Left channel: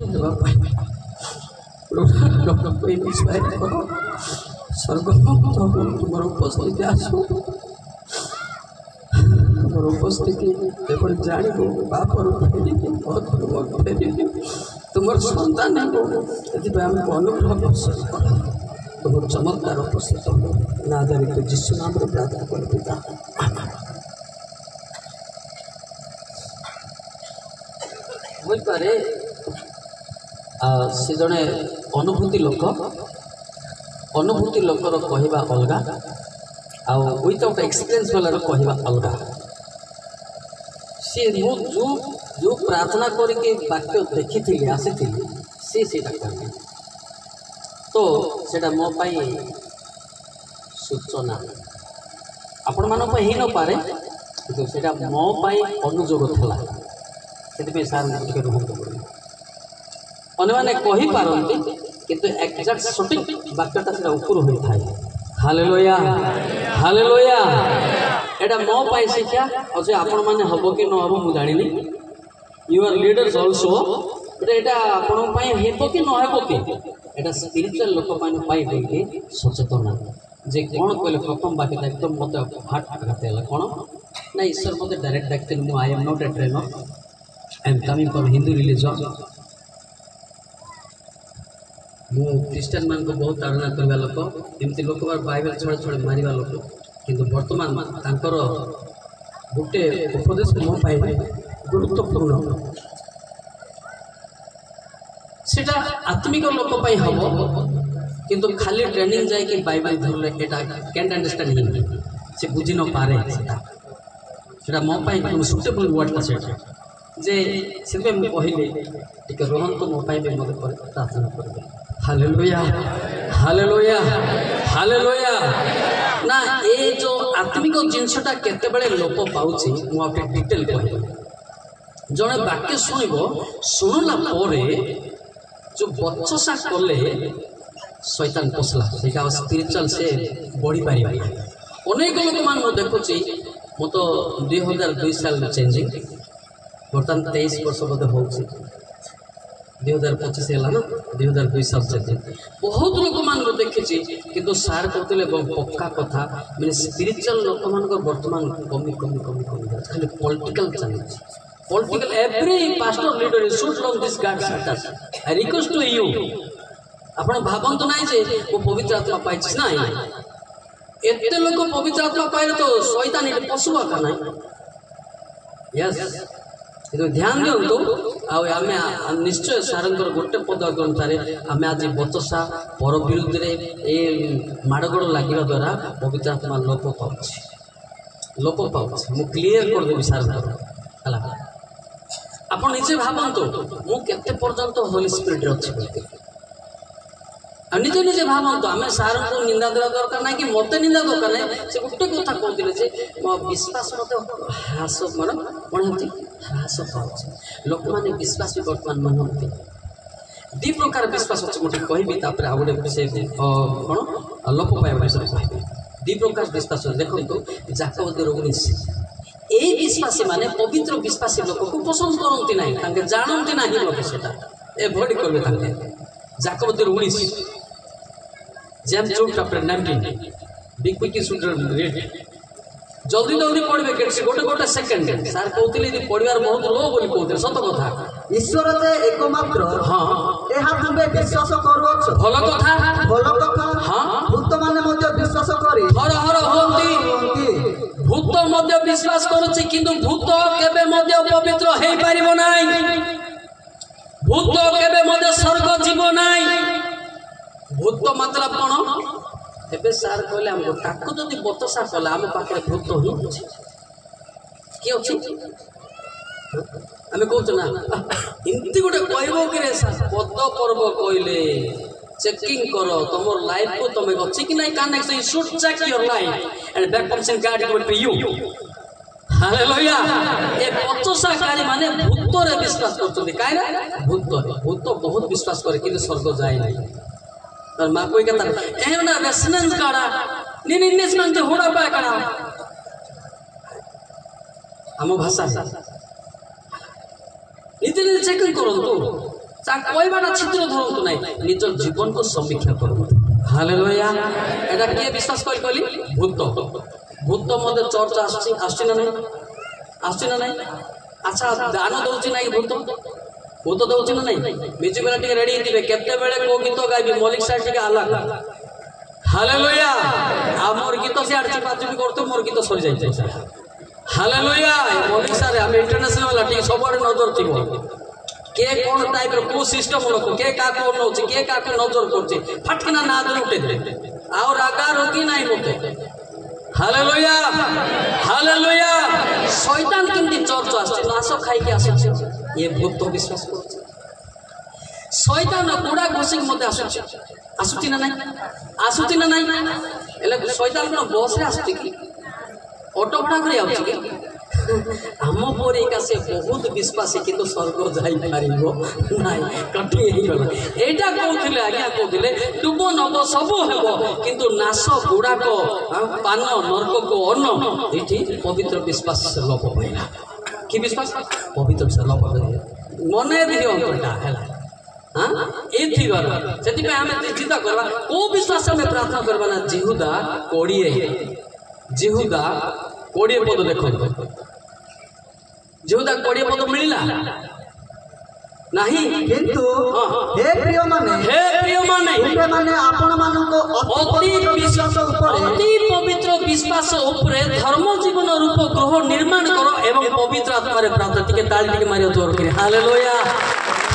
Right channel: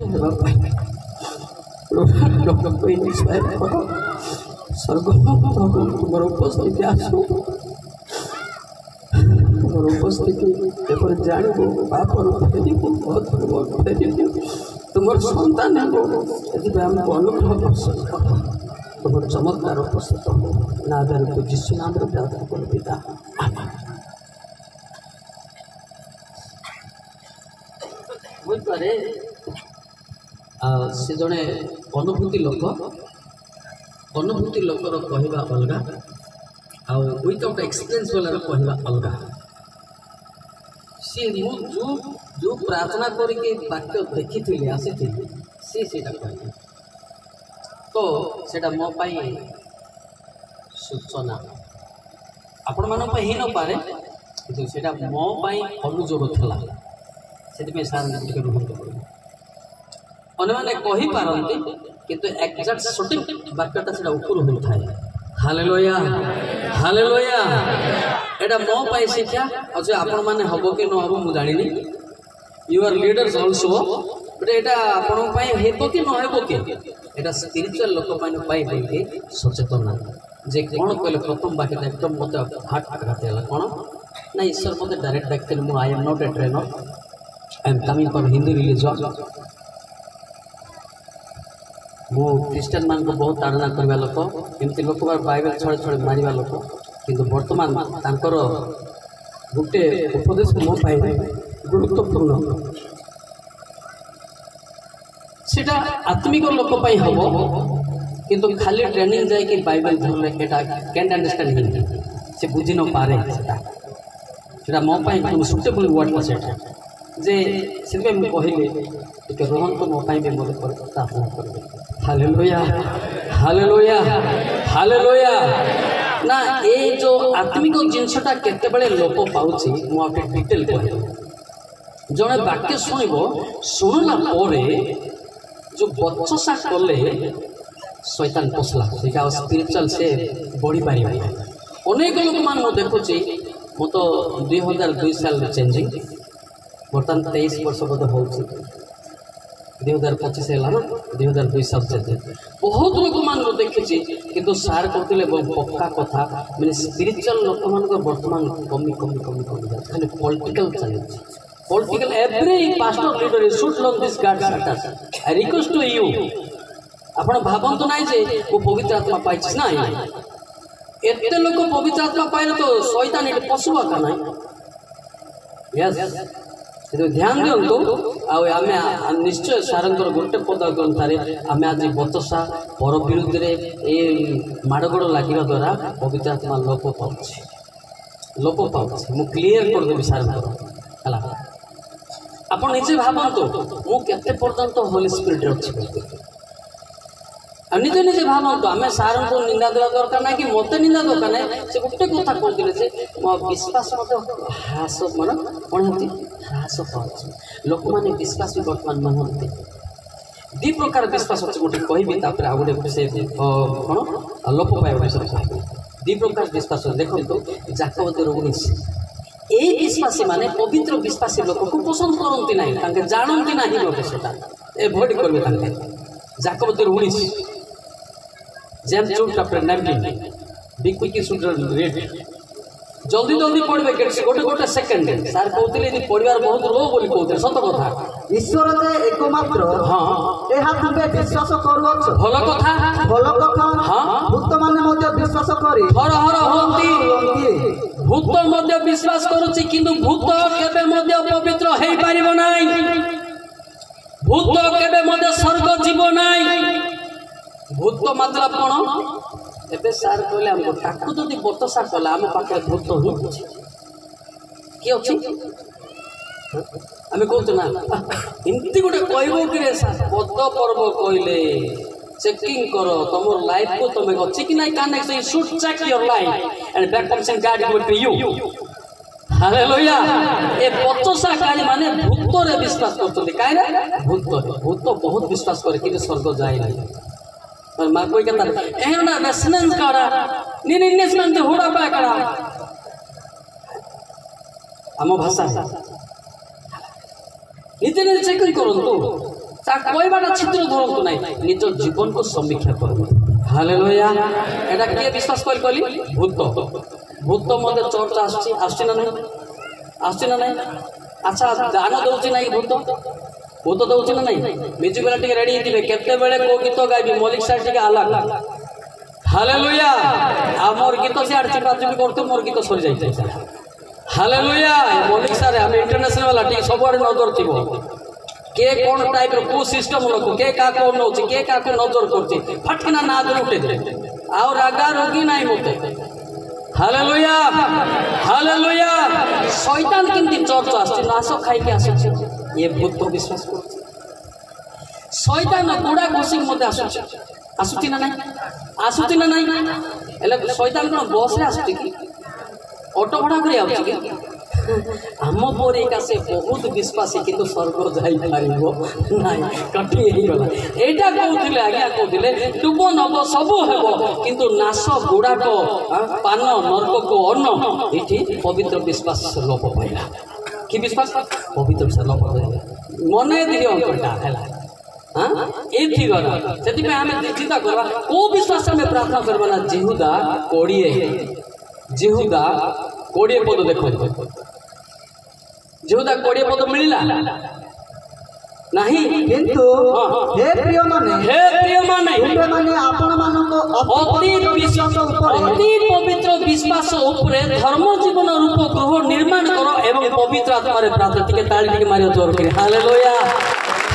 तुम उपस्थिति आसो तुम उपस्थिति जानव बापर फेर तुम सन्तान अनुग्रह वर्षन कर तुम चमत्कार उपस्थित ना आधारित जीशु नाम प्रार्थना कर पिता बुझे से जड़े अनुभूति लोकर कहवा अलगा आउ विदाउट एक्सपीरियंस वाला कहवा अलगा सी जो प्रार्थना करके वाक्य देखी थी आसी सी कह तो सेटा मो पाई सूचना आपण मान ही न पारे कि सेटा मो पाई अनुजोग थला से सार टे रुहत पड़े अन्य कही पारती किंतु एक्जाक्ट सटीक वाक्यता से ऊपर होता है हालेलुया हालेलुया एटा मो पाई शिक्षा अच्छे आपण मैंने हम कि न हम मुझे जानी यूर लीडर्स ऑल्सो बट एटा आपण हेब कि न हेब कि एटा स्पिरिचुअल लोक पाई सचेतना जे कौन कहले प्रथम वाक्य एकदम मत हार्ट आघात है कौन ना ईश्वर मत डायरेक्ट डाकते I am not a trainer I am coming from Hindu religion मु क्रिश्चियन मान को बहुत ताड़ना करवा लोक एमती लोक बाइबल छड़े छड़े मारिबा लोक किंतु वर्तमान तांकर गोटे उपदेश मो पाई गुरुत्वपूर्ण सेटा आत्मिक लोक पाई हम किंतु खाली ट्रेनिंग जाए कि बाइबल धरले एटा कैन अंडरस्टैंड हिंदी से बुझी न पारे सेटा मो पाई सुटेबल वर्ड का सेटा जे से मु कहले टिके रोहन को मो पाई मोदे पर प्रार्थना करबे हालेलुया हालेलुया हालेलुया ना ए जो आत्मिक जिनसटा केते बेले लोप पाउची मु आपे डिटेल कहबे जने वाक्य सुनिबो सुनला परे जो बचसा कले शैतान पसला सेटा स्पिरिचुअल से बढ़ी पारि अनेक लोक मान मु देखुची मु तो 2002 साल चेंजिंग बर्तमान 23 वर्ष बोधे हो 2025 है ना 2002 साल से बहुत लोक मान देखी किंतु सार कहते पक्का कथा मैंने स्पिरिचुअल लोक मान बर्तमान कमी कमी कमी कमी खाली पॉलिटिकल चली political every pastor leader should love this god status I request to you आपण भावंतु ना जे वो पवित्र आत्मा पाई ना एते लोक पवित्र आत्मा पाइले तो शैतान एटे पशुआ का ना यस तो ध्यान दिंतु आम निश्चय सारंकर गोटे पद ग्रंथारे आम आज बचसा पर विरुद्ध ए माड़गोड़ लगे द्वारा पवित्र आत्मा लोप पाऊँ मु क्लीयर करदेवी सारंकर है आप निजे भावतु मुझे पर्यंत होली स्पिरिट अच्छी निजे निजे भावतु आम सार को निंदा देवा दरकार ना कि मत निंदा दरकार ना से गोटे कथा कहते मो विश्वास मत ह्रास मान कौन होती ह्रास पाँच लोक मैंने विश्वास भी बर्तमान मानते दी प्रकार विश्वास अच्छे गोटे कहि आ गोटे से कौन लोप पाइबा विषय कह दी प्रकार विश्वास देखो जाकब 19 यही विश्वासी माने पवित्र विश्वासी लोक को पसंद करती ना जानती ना लोक से एभोड करेंगे जाकब 19 James chapter 19 be quick should read जल्दी जल्दी पढ़बे गोटे गोटे सेकंड सार कहते पढ़वार बहुत लो बोली कहते सत कथा ईश्वर जे एकमात्र हाँ एहा तुमे विश्वास करूछ भल कथा हाँ भूत माने मध्य विश्वास करी हर हर होती भूत मध्य विश्वास करूची किंतु भूत केबे मध्य पवित्र हेई पारिबो नाही भूत केबे मध्य स्वर्ग जीवो नाही भूत मतलब कौन एबे सार कहले हम ताकू जदि बतसा कला आम पाखे भूत ही अच्छे किए अच्छी आम कहते ना एमती गोटे कहबो कि पद पर्व कहले चेकिंग करो तुम लाइफ को तुम अच्छी कि नहीं connect you should check your life and back comes in God will be you hallelujah ए बतसा काज माने भूत रे विश्वास करते काहे ना भूत बहुत विश्वास करे कि स्वर्ग जाए नहीं माँ कोई कहता एम ना रेसनेंस काड़ा निनिस मंते होड़ा पाए काड़ा आम भाषा नीति नीति चेकिंग करंतु कहवाटा छिद्र धरतु ना निज जीवन को समीक्षा करूँ। हालेलुया। एटा किए विश्वास कली भूत भूत मध्य चर्च आसछि ना नहीं अच्छा गान दौची ना भूत भूत दौची ना नहीं म्यूजिक वाला टिके रेडी थे केते बेले को गीत गाइबे मौलिक साइड टिके अलग। हालेलुया। आ मोर गीत से आड़ चिपाचिपी करते मोर गीत सरी जाइए। हालेलुया। मौलिक सारे आम इंटरनेशनल वाला टिके सबुआड़े नजर थी के कौन टाइप को सिस्टम लोक के क्या नौ के क्या नजर कर फटकिना ना दे उठे दे आउ रागा रोगी ना मत। हालेलुया। हालेलुया। शैतान केमती चर्च आस नाश खाई ये भूत विश्वास कर शैतान गुड़ा घोषिक मत आसुची ना नहीं शैतान कौन बस आसुची कि ऑटो भड़ा कर आम पर एका से बहुत विश्वासी किंतु स्वर्ग जाई ना कठिन होगा एटा कहते आज्ञा कहते डुब नब सब हेब किंतु नाश गुड़ाक पान नर्क को अन्न ये पवित्र विश्वास लोप पाइला कि विश्वास पवित्र विश्वास लोप पाइला मन दियो अंतटा है ये आम चिंता करवा को विश्वास आम प्रार्थना करवा ना जिहुदा 20 पद देखो जिहुदा 20 पद मिलला नहीं किंतु हे प्रिय माने आपण मानको अति पवित्र विश्वास उपरे धर्म जीवन रूप गृह निर्माण करो एवं पवित्र आत्मा रे प्रार्थना टिके ताली टिके मारियो जोर करे। हालेलुया।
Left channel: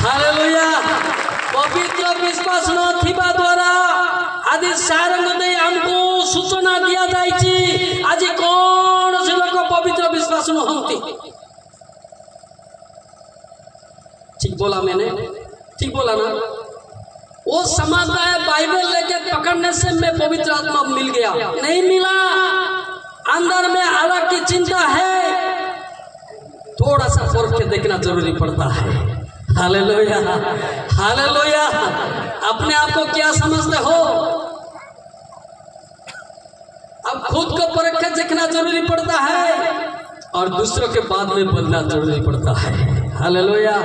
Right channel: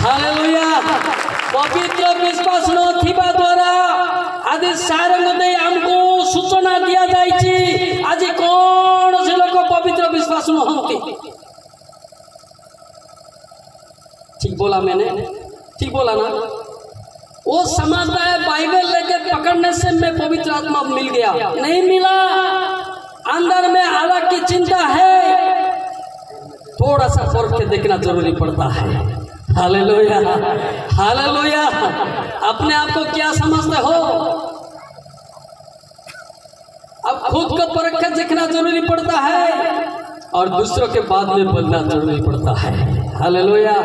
हालेलुया। पवित्र विश्वास न थिबा द्वारा आदि सारंग दे हमको सूचना दिया जाइछि आज कौन से लोग पवित्र विश्वास न होती। ठीक बोला मैंने ठीक बोला ना वो समझता है बाइबल लेके पकड़ने से मैं पवित्र आत्मा मिल गया नहीं मिला अंदर में अलग की चिंता है थोड़ा सा फर्क के देखना जरूरी पड़ता है। हालेलुया। हालेलुया। अपने आप को क्या समझते हो अब खुद को परख के देखना जरूरी पड़ता है और दूसरों के बाद में बोलना जरूरी पड़ता है। हालेलुया।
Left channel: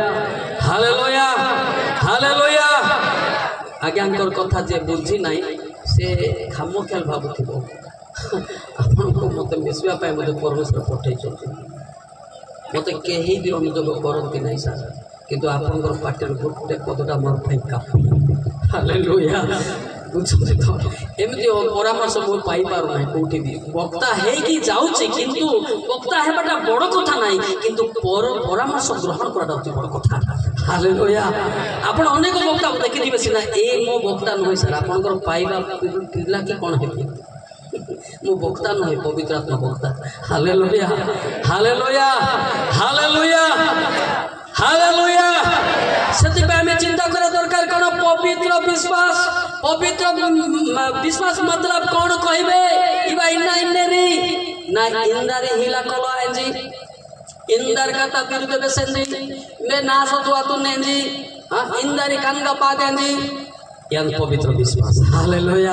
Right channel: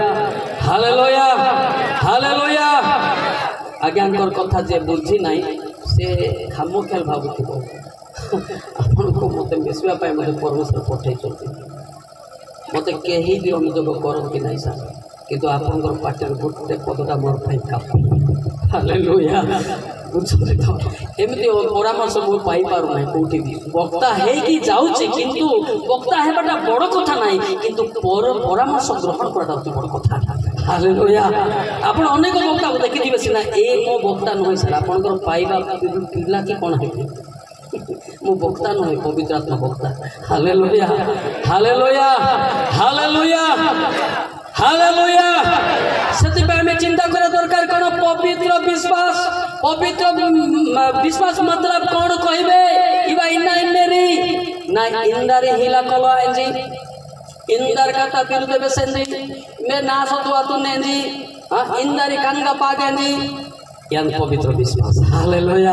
हालेलुया। हालेलुया। आज्ञाकर कथा जे बुझी नाई से खामोख्याल भावुथिबो आपन को मते मिसवा पाए मते परमेश्वर पठै चलछि मते केही भी अनुयोग करंती नाही सर किंतु आपनकर पाटर गोटे पदटा मोर पाई काफी। हालेलुया। बुझले तो एमती परामर्श मु पाई पारु नाही कोठी भी वक्ता है कि जाउछि किंतु वक्ता हेबाटा बड़ कथा नाही किंतु परामर्श ग्रहण करटा होछि बड़ कथा। हालेलुया। आपण अनेक वक्ता देखिथिबे सिना ए मो वक्ता नहै सर आपनकर पाइबा पिला कि कोन हेबे मो वक्ता नहै पवित्र आत्मा वक्ता। हालेलुया। हालेलुया। हालेलुया। हालेलुया। सेति पे हमें चिंता करे दरकार कोन पवित्र विश्वास मतलब कौन कहबे इबा इन्ना इन्नेरी ना इंदारे हिला कलो एंजी इंदर कथा विरुद्ध बेसेंजी मैं ना सतुआ तू नेंजी इंदारी कानगा पागेंजी यान पवित्र विश्वास। हालेलुया।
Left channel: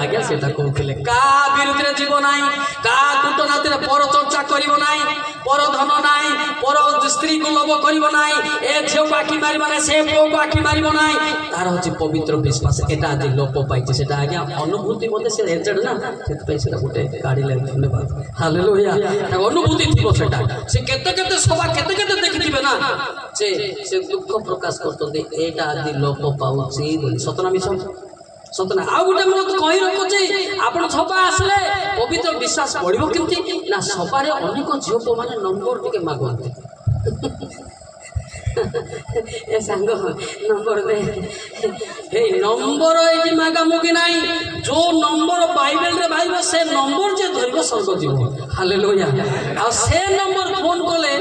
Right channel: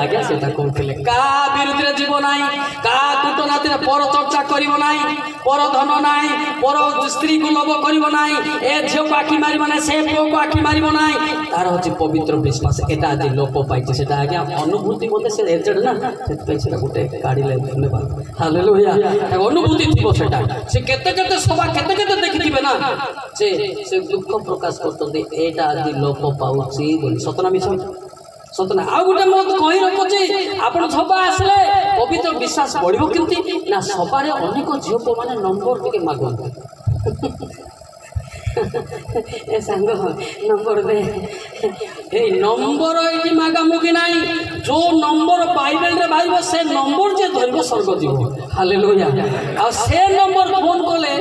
आगे सेटा कहले का विरुद्ध जीव नाई का कुटनाती पर चर्चा करिवो नाई पर धन नाई पर स्त्री को लोभ करिवो नाई ए झियो को आखि मारिबो नाई से पुओ को आखि मारिबो नाई तार होची पवित्र विश्वास एटा आज लोप पाइছে सेटा आगे अनुभूति मते से एजेड ना सेत पई सेटा गोटे गाड़ी ले धन्यवाद। हालेलुया। अनुभूति थिबो सेटा से केते सभा केते देखिथिबे ना से दुख प्रकाश करतोंदे एटा आज लोप पाउची बोली सतना मिछ सतना आ गोटे मत कहि रखुची आपण सभा आसले पवित्र विश्वास बढ़िबो केमती ना सभारे अनेक झियो माने नंबर टिके मागंती ए सांग नंबर दे ए नंबर एटी मागा मुगी नाही जो नंबर बाइबल रे भाईबो से नंबर जे धरिबो स्वर्ग जीवो। हालेलुया। आ से नंबर फोन कोले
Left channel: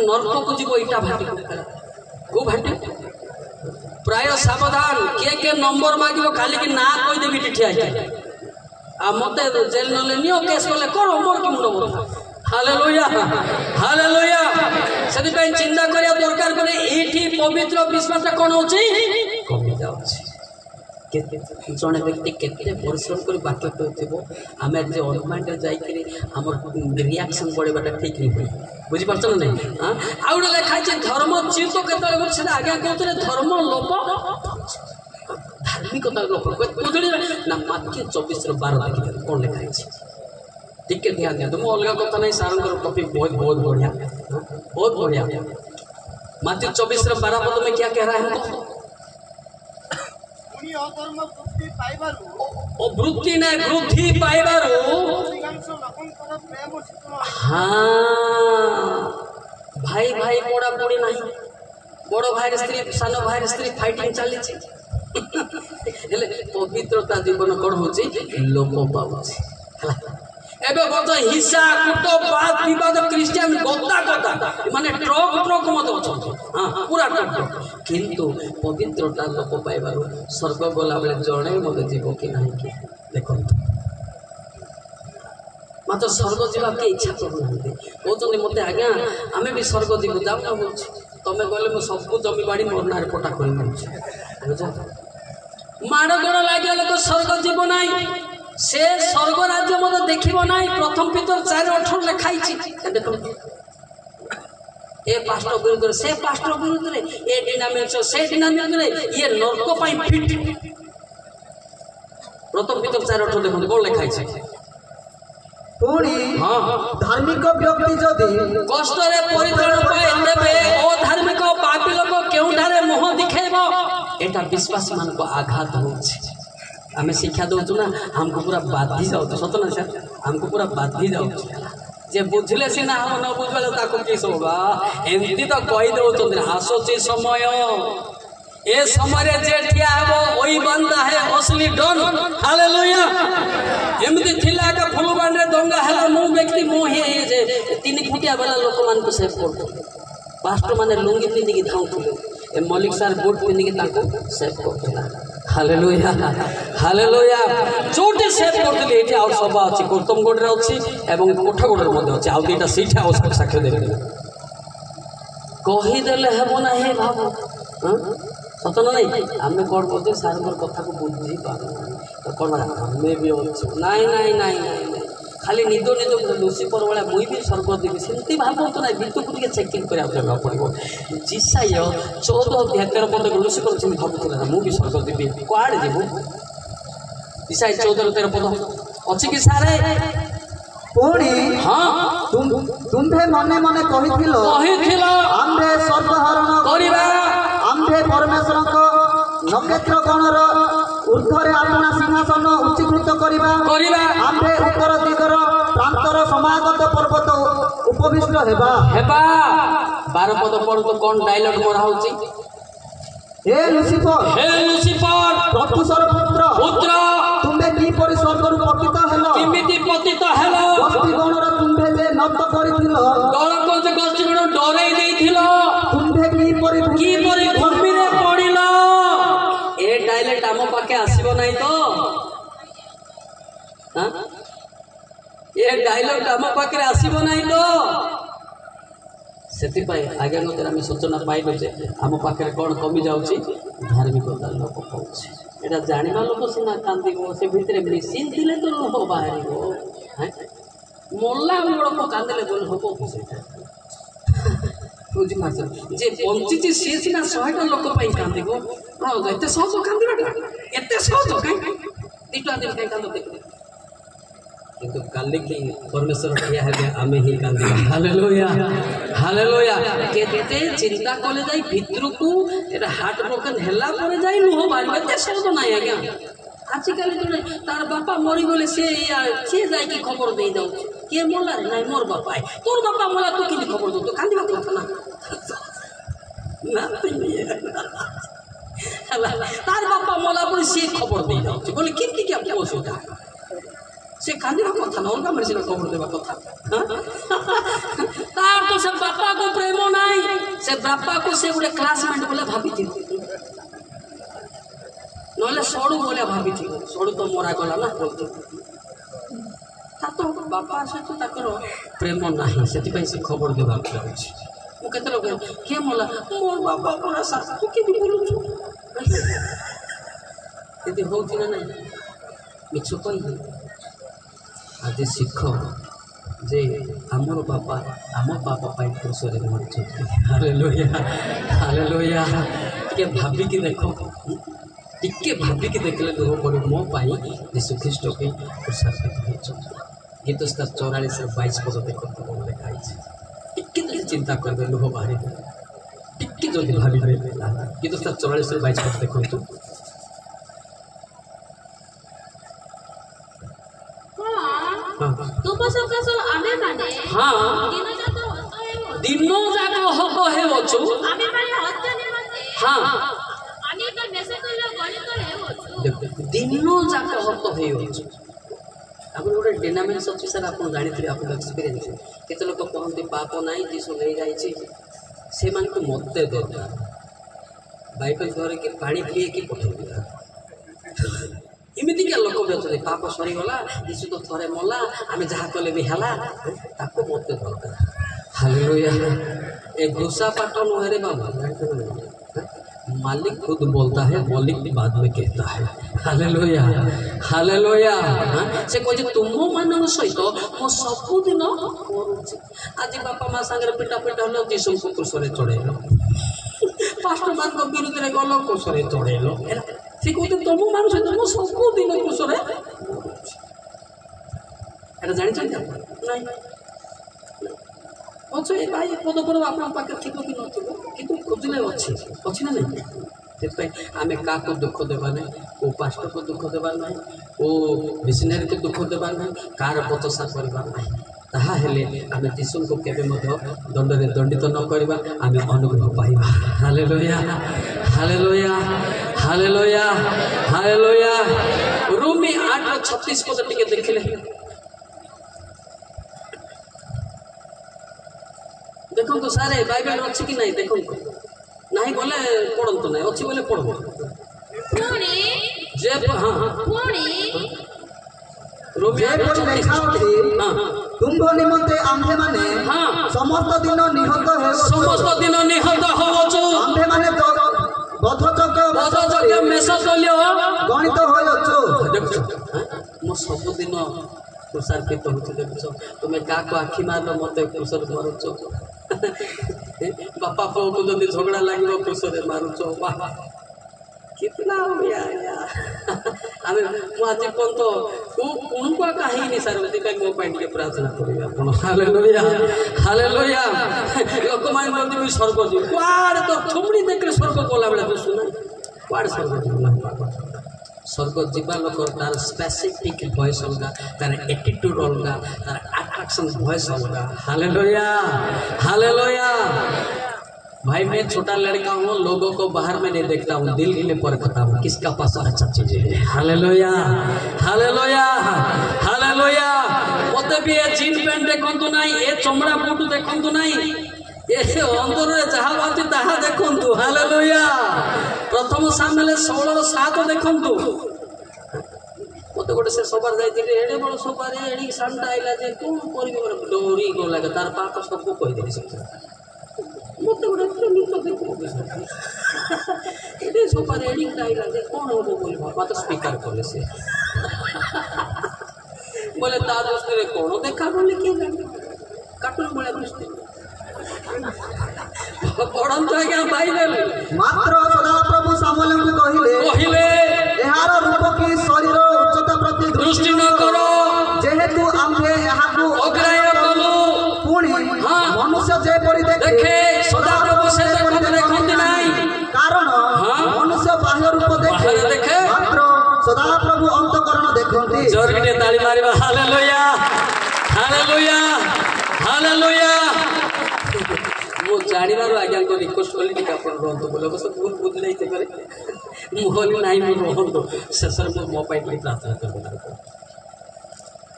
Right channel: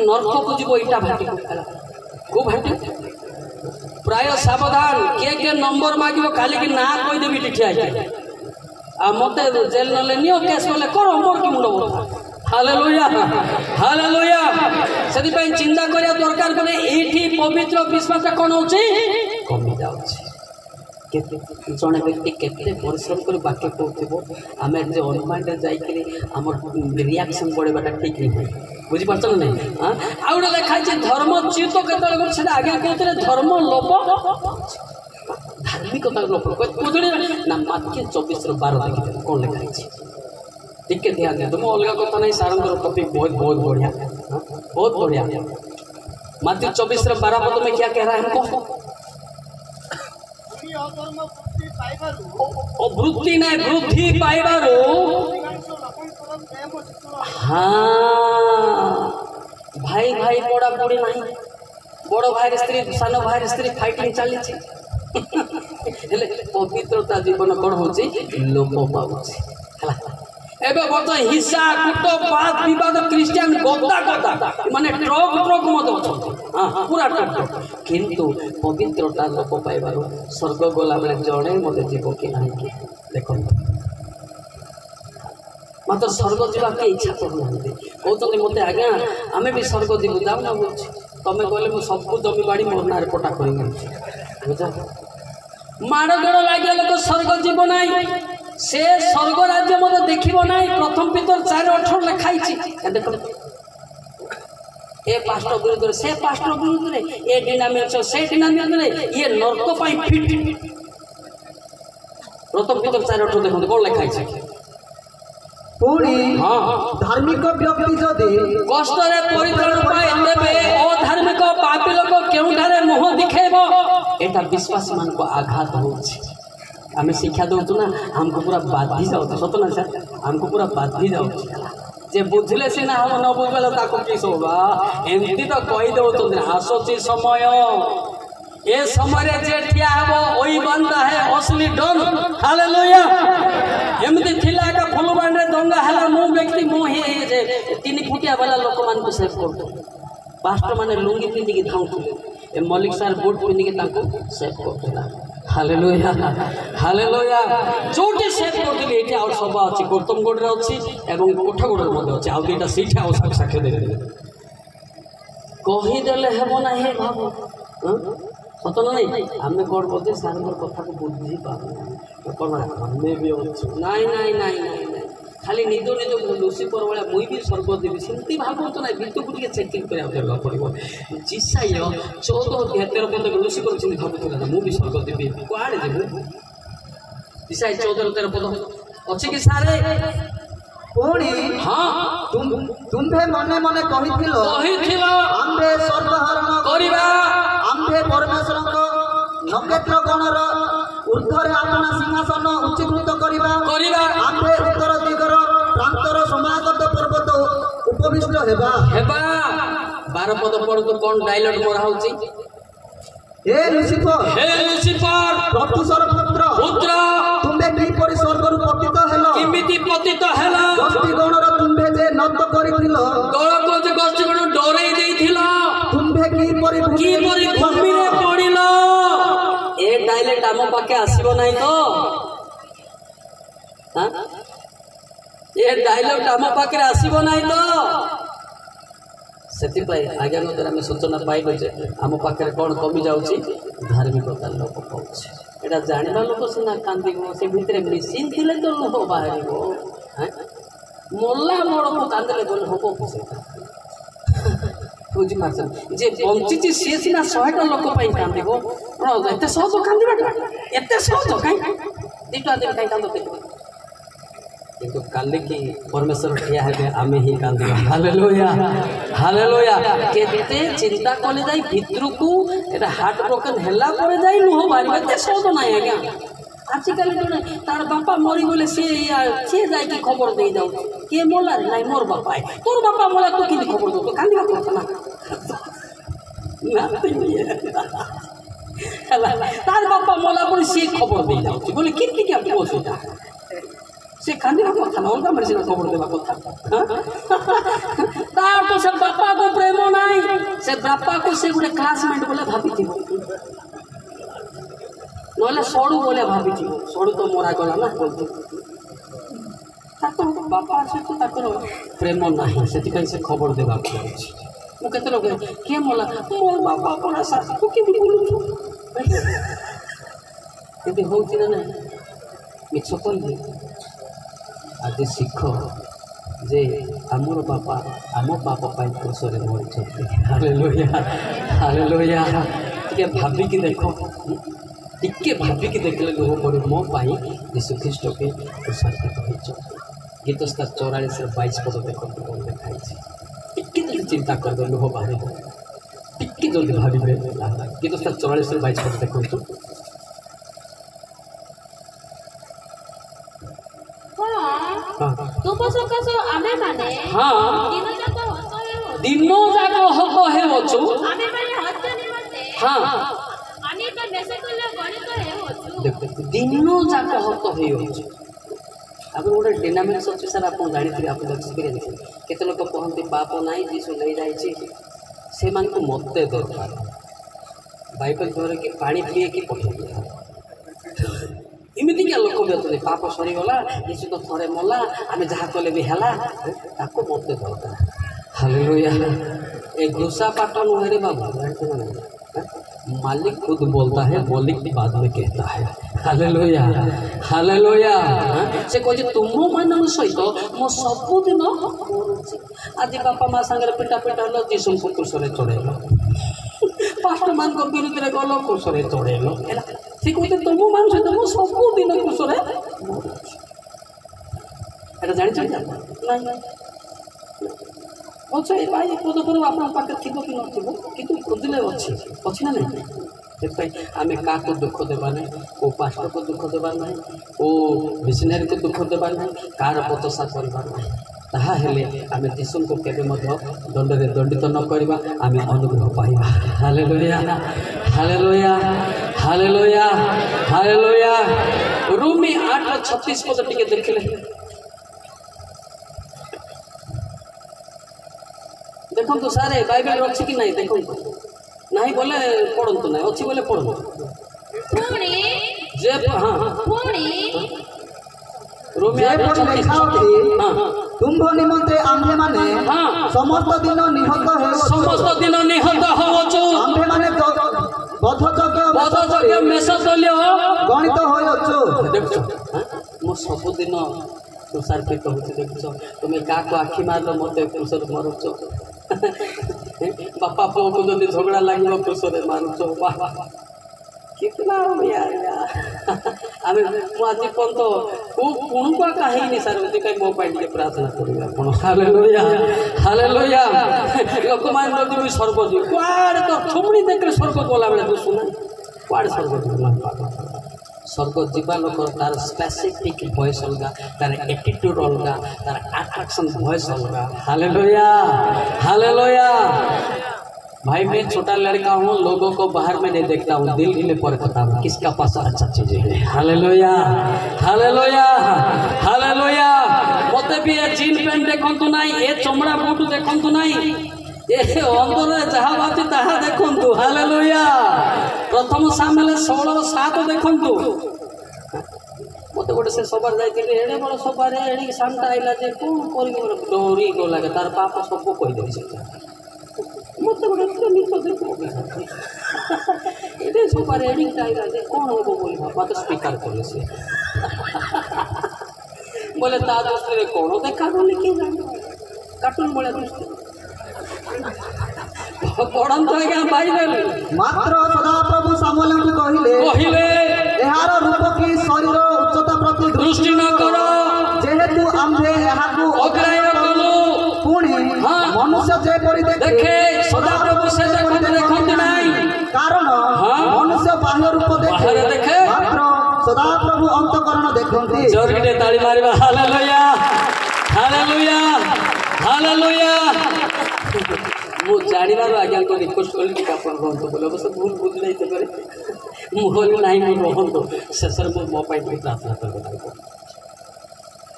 नरक को जीवो इटा भाटी को भाटी प्राय सावधान के नंबर मागिबो खाली कि ना कहि देबी ठिया आ मते जेल नले नियो केस कोले करो मोर कि मुंड बोथा। हालेलुया। हालेलुया। सेति पे चिंता करिया दरकार बने एठी पवित्र विश्वास कोन होची कमी जाउची केते जने व्यक्ति केते परिश्रम करी वाक्य कहथिबो आमे जे अनुमान रे जाई करी हमर रिएक्शन बड़ेबाटा ठीक नहीं। ବୁଝିପାରୁଛ ନା ନାହିଁ? ଆଉ ଗୋଟେ ଲେଖା ହେଇଛି ଧର୍ମଚ୍ୟୁତ କେତେବେଳେ ଗୋଟେ ସେଟା ଆଜ୍ଞା କହୁଥିଲେ ଧର୍ମ ଲୋପ ଧାର୍ମିକତା ଲୋପ କହୁଥିଲେ ନା ମାତ୍ୟ 24:12 ଦେଖିଦେବେ କ'ଣ ଲେଖା ହେଇଛି ଟିକେ ଧ୍ୟାନ ଦିଅନ୍ତୁ। ମୁଁ ଅଲଗା କଥା ନାହିଁ, ସାରଙ୍କର ଟପିକ ବହୁତ ବଢ଼ିଆ ବହୁତ ବଢ଼ିଆ। मात्य 24:12 पद में क्या कह रहा है हमको? वृत्ति नहीं वृद्धि पाइबारू। हाँ भाई भाई पड़ा पड़ी नहीं बड़ भाई स्त्री सान भाई स्त्री फाइटिंग चली पवित्रता जीवन कौन हो लोप पाऊँच एबे बर्त हिंसा कूट बात विवाद क्रिश्चियन गदा गदा माने ट्रक ट्रक मत अच्छा हाँ पूरा ट्रक किंतु पवित्रता लोप पाइबार स्वर्ग गला बेले जड़े मत जीव कि ना कि देख मत स्वर्ग जावा के इच्छा करूना कहते मत आज्ञा आम भी स्वर्ग जीव जाऊना बोल तुम्हें कहले मुझे सबू जमी बाड़ी मोर ना पटा कर माड़ गड़ लगे लोक स्वर्ग जीव ना से स्वर्ग राज्य मत देखिब ना प्रथम पितर 4:18 लिखाई देख ए पास्टर विरुद्ध से पास्टर विरुद्ध ए डिनामिनेशन से डिनामिनेशन ये नर्क पाई फिट प्रथम पितर 4:18 देखो कौन लिखाई पुणी धार्मिक व्यक्ति जदि कष्ट रे परित्राण पाए तेबे अधार्मिक पापी लोक केउठारे मुह दिखेबो एटा विश्वासी मान को आघात होछि। आम शिक्षा दौचु ना हमको पूरा बाधी जाऊँ सत ना सर हमको पूरा बाधी जाऊँ जे बुझले सीना हम न बुझले किस होगा एमती तो कही दौरान आसुची समय ए समय जे ठिया हेबो ओई बंदा है असली डन हालेलुया एमती थिला का फुलबांडे दंगा हला मो व्यक्ति मो हे जे 3 फुटिया वाला लोक मान को सेव करतो पास्टर माने लुंगी पिंदी की धाउथुले ए मलिक सर बोट पिंदी की ताको save Kartala hallelujah hallelujah Jote save करतली एठी और सभा अछि गौतमगढ़ रे अछि एवं कोठागढ़ रे मध्ये अछि आ दुईटा सीट आ साक्ष्य देबे कहि देले हेबो ना हे बाबू सत ना नहीं आमे कोन बोलते सारंगर कथा को बुझी पाबो कोन हमें भी अछि नहीं नहीं नहीं नहीं खाली निदो निदो लुसिफर वाला मुई भी स्वर्ग देवी सेमती भाबो तो नहीं बितु के चेकिंग करा जगह पड़िबो जिसाय 14 अध्याय 13 पद लुसिफर छिन भाबुतला मु भी स्वर्ग देवी कोआडे देबो जिसाय 14 13 पद अछि कि सारे पुणी हां तुम्हे मने मने कहिथिलो आम्भे स्वर्ग हरण करिबा आम्भे परमेश्वर को नक्षत्र गणर ऊर्ध्वरे अपना सिंहासन उच्चीकृत करिबा आम्भे उत्तर दिगर प्रांतर समागत पर्वत उपविष्ट हेबा 12 पद पढ़ तो कौन डायलॉग मोरा होची हे लुसिफर प्रत्युषर पुत्र तुम्हे की परि स्वर्गरु पतित हेलो किमिति पतित हेलो गोष्ठी गणर तुम्हे जे नत करिथिलो दलक जे गोष्ठी गण डरै देइथिलो तुम्हे की परि भूमिरे पड़िलो ए डायलॉग आम पाके आसीबो नाही तो हां ये डायलॉग आम पाके आसीबो नाही तो से आज्ञा द्वारा आम सूचना पाइल जे आम पाखे कौन कमी जाऊँगी धार्मिकता लोक पाँच एटा जाना लोक सीना कांद से भितर मेसीन थी तो लुह बाहर मल्ला मोड़ को कांदे बोले हम बुझीपार जे बंची सी सीना 100टा लोक कांद एत सहज कांदा एत सहज कहीं दीटा दिन कहीं कांद देख किंतु काली की परमेश्वर ठिया हेबे आमे ही कांदिबा हालेलुया हालेलुया केते चिंता कले जाई भितर को एटा हार्ट ब्रोकन हेला परे जाई लुह बारिबा ते सहज नाही आज्ञा आजकल जने तार बापा मरी गले से जाई की खबर दे जाउ के मोला रे नाही मोर बापा तोर बापा मोला तो की खबर दो तो कांदिबा কথা ना तार बापा मोला पर से खबर दे जाउ बोले किंती क्या पोसुता से कांदिबा कथा ना अलगा मर्जी खबर देबा कथा तार तो से बापा को प्रेम नाही से बापा को से गोटे क्लासमेट बोले भाभी थी नहले सड़ू बोले भाभी थी सड़ू तो मरा गला ना बोलते तो बापा सहित ताकर प्रेम नाही से खबर देबा अछि मु केते लोग के मोला मोर बापा पर साथ तू के बोलु छु यदि होती ना नहीं मिछ कहि आज शिख जे आमर बापा आम बापा पाई क्रूसरे मरिଛନ୍ତି। Hallelujah hallelujah. टिके भाबिकी देखो, टिके भाबिकी देखले लुह पड़े मो पाई यीशु ख्रीस्ट के क्रूसार्पित होइଛନ୍ତି। गीत स्तर 44-22 पद देखो लिखाई टिके जल्दी चिंता करबे लुह बाहरी टिके जल्दी भाबिबे। गीत स्तर 44-22 पद देखो। तुम सकाश आमे माने हाँ दिन जाक हक हेवछु आमे माने हत्या निमते हाँ अनेक मेसतुल्य गणित हेवछु। देखो दिन जाक हक हेवछु। आगर गोटे डिनामिक्स अच्छी सर आप जानी आप एक्सपीरियंस केते लोक कहते पाप नाई जीसु नहीं जाइए से मान को मत दरकार बाइबल धरे कि पानी पिए कि पठेबी इमितिक लोक भी अच्छे पाप सरीगला जीसु तो थरे मला आम जहाँ कले भी है मत दरकार। हालेलुया। ए घुसा पाठ नुहे रे बाबा मालिक खुद बोलता है, मालिक बाद में कहता है। Hallelujah hallelujah. से कहे तुम मान सहित मो सबुदिन मरुची। आज बापा माँ सांगे पिटा पिटा हल जीसु को क्रूसरे चढ़ेल, पास्टर मान को विरुद्ध रे गल क्रूसरे चढ़ेल। से कहते तुम मान सहित मो सबुदिन क्रूसरे मरुची। एटा जानि नहीं अच्छा ये भाई पदपूर्व आप पाखे थी कि नथिबो किंतु खोजले अच्छी ना नहीं से आम क्या दुख देवा ना को पास्टर को दुख देवा ना को मिशनरी को दुख देवा ना कार पचसा करवा ना ताहले आम जीसु को केबे दंडरे दंडित न करवा आम अनुग्रह पाइबा। Hallelujah hallelujah hallelujah hallelujah. रोमी 8:36 पद टिके देखले देखो तो सारे बाइबल अच्छी कि नहीं देखो नहीं बोले पढ़ंतु नहीं अच्छी बोले पढ़ो पुणी जे हाँ पुणी रोमी 8:36 तुम निमंते आम्भे माने हाँ समस्त दिन निहत हे समस्त दिन निहत होवछु आम्भे माने बोधजोग्य मेसतुल्य गणित होयछु। देखो मो सब दिन क्रूसार्पित होती देखो तुम्हें क्या को आखि मारल मत क्रूसर मारुच बापा पुओ को जब झगड़ा लगे क्रूसरे मारुच कितना आम आज पर्यंत कुणुका कहीं सर मो पाई प्रार्थना करेंगे आप। Hallelujah hallelujah. लोक मैंने भी स्वर्ग जी कुआड़े तो थुमड़ी देख स्वर्ग गला बेले दोष ना कुआड़े स्वर्ग जीवना स्वर्ग जीवा लोक तार स्पेसिफिक वॉइस अलग तार एटीट्यूड अलग तार अट्रैक्शन वॉइस अलग। Hallelujah hallelujah. भाई मैं छोटा लड़का हूँ लोगों को बाहर में नहीं देखता हूँ दिल में परखता हूँ किसका पास अच्छा चीजें है। Hallelujah hallelujah hallelujah. मते भी ये जीन पैंट देखंतु नहीं ये चमड़ा बूट देखंतु नहीं ये अंदर जहाँ बात ताहा देखंतु। हालेलुया। प्रथम सामने 16:7 देखंतु मत गोटे से सबार जाइए एड़े बड़ सबार एड़ी सामटा आइला जे कौन कर डोरी गला तार पाप सब कहीदेवी से मत गोटे एड़े सबार एड़ी आइला जे कौन हमको बोल बापा तो स्वीकार कले से बोले ता दृष्टि कौन देखा बोले कि कार्टून भाया दृष्टि पढ़ंतु आज्ञा बाइबल मात्र सदाप्रभु सामुएल को कहिले एहार रूप की शरीर उच्चता प्रति दृष्टि न कर जेहेतु आम्भे एहाकु अग्राह्य कलु पुणी हाँ। मनुष्य जे परि देखे सदाप्रभु से देखंती नहीं कारण हाँ। मनुष्य बाह्य रूप बाहर देखे मात्र सदाप्रभु अंतकरण देखंती। जोरके ताली मारिबा। Hallelujah hallelujah hallelujah. वो जानिबार आज्ञा को रिक्वेस्ट कली टिके आपण रहंतु बोले बस भूल बुझ नहीं थे करे मोहली नहीं रहंतु शेषर मो पाई प्रार्थना करबे ताको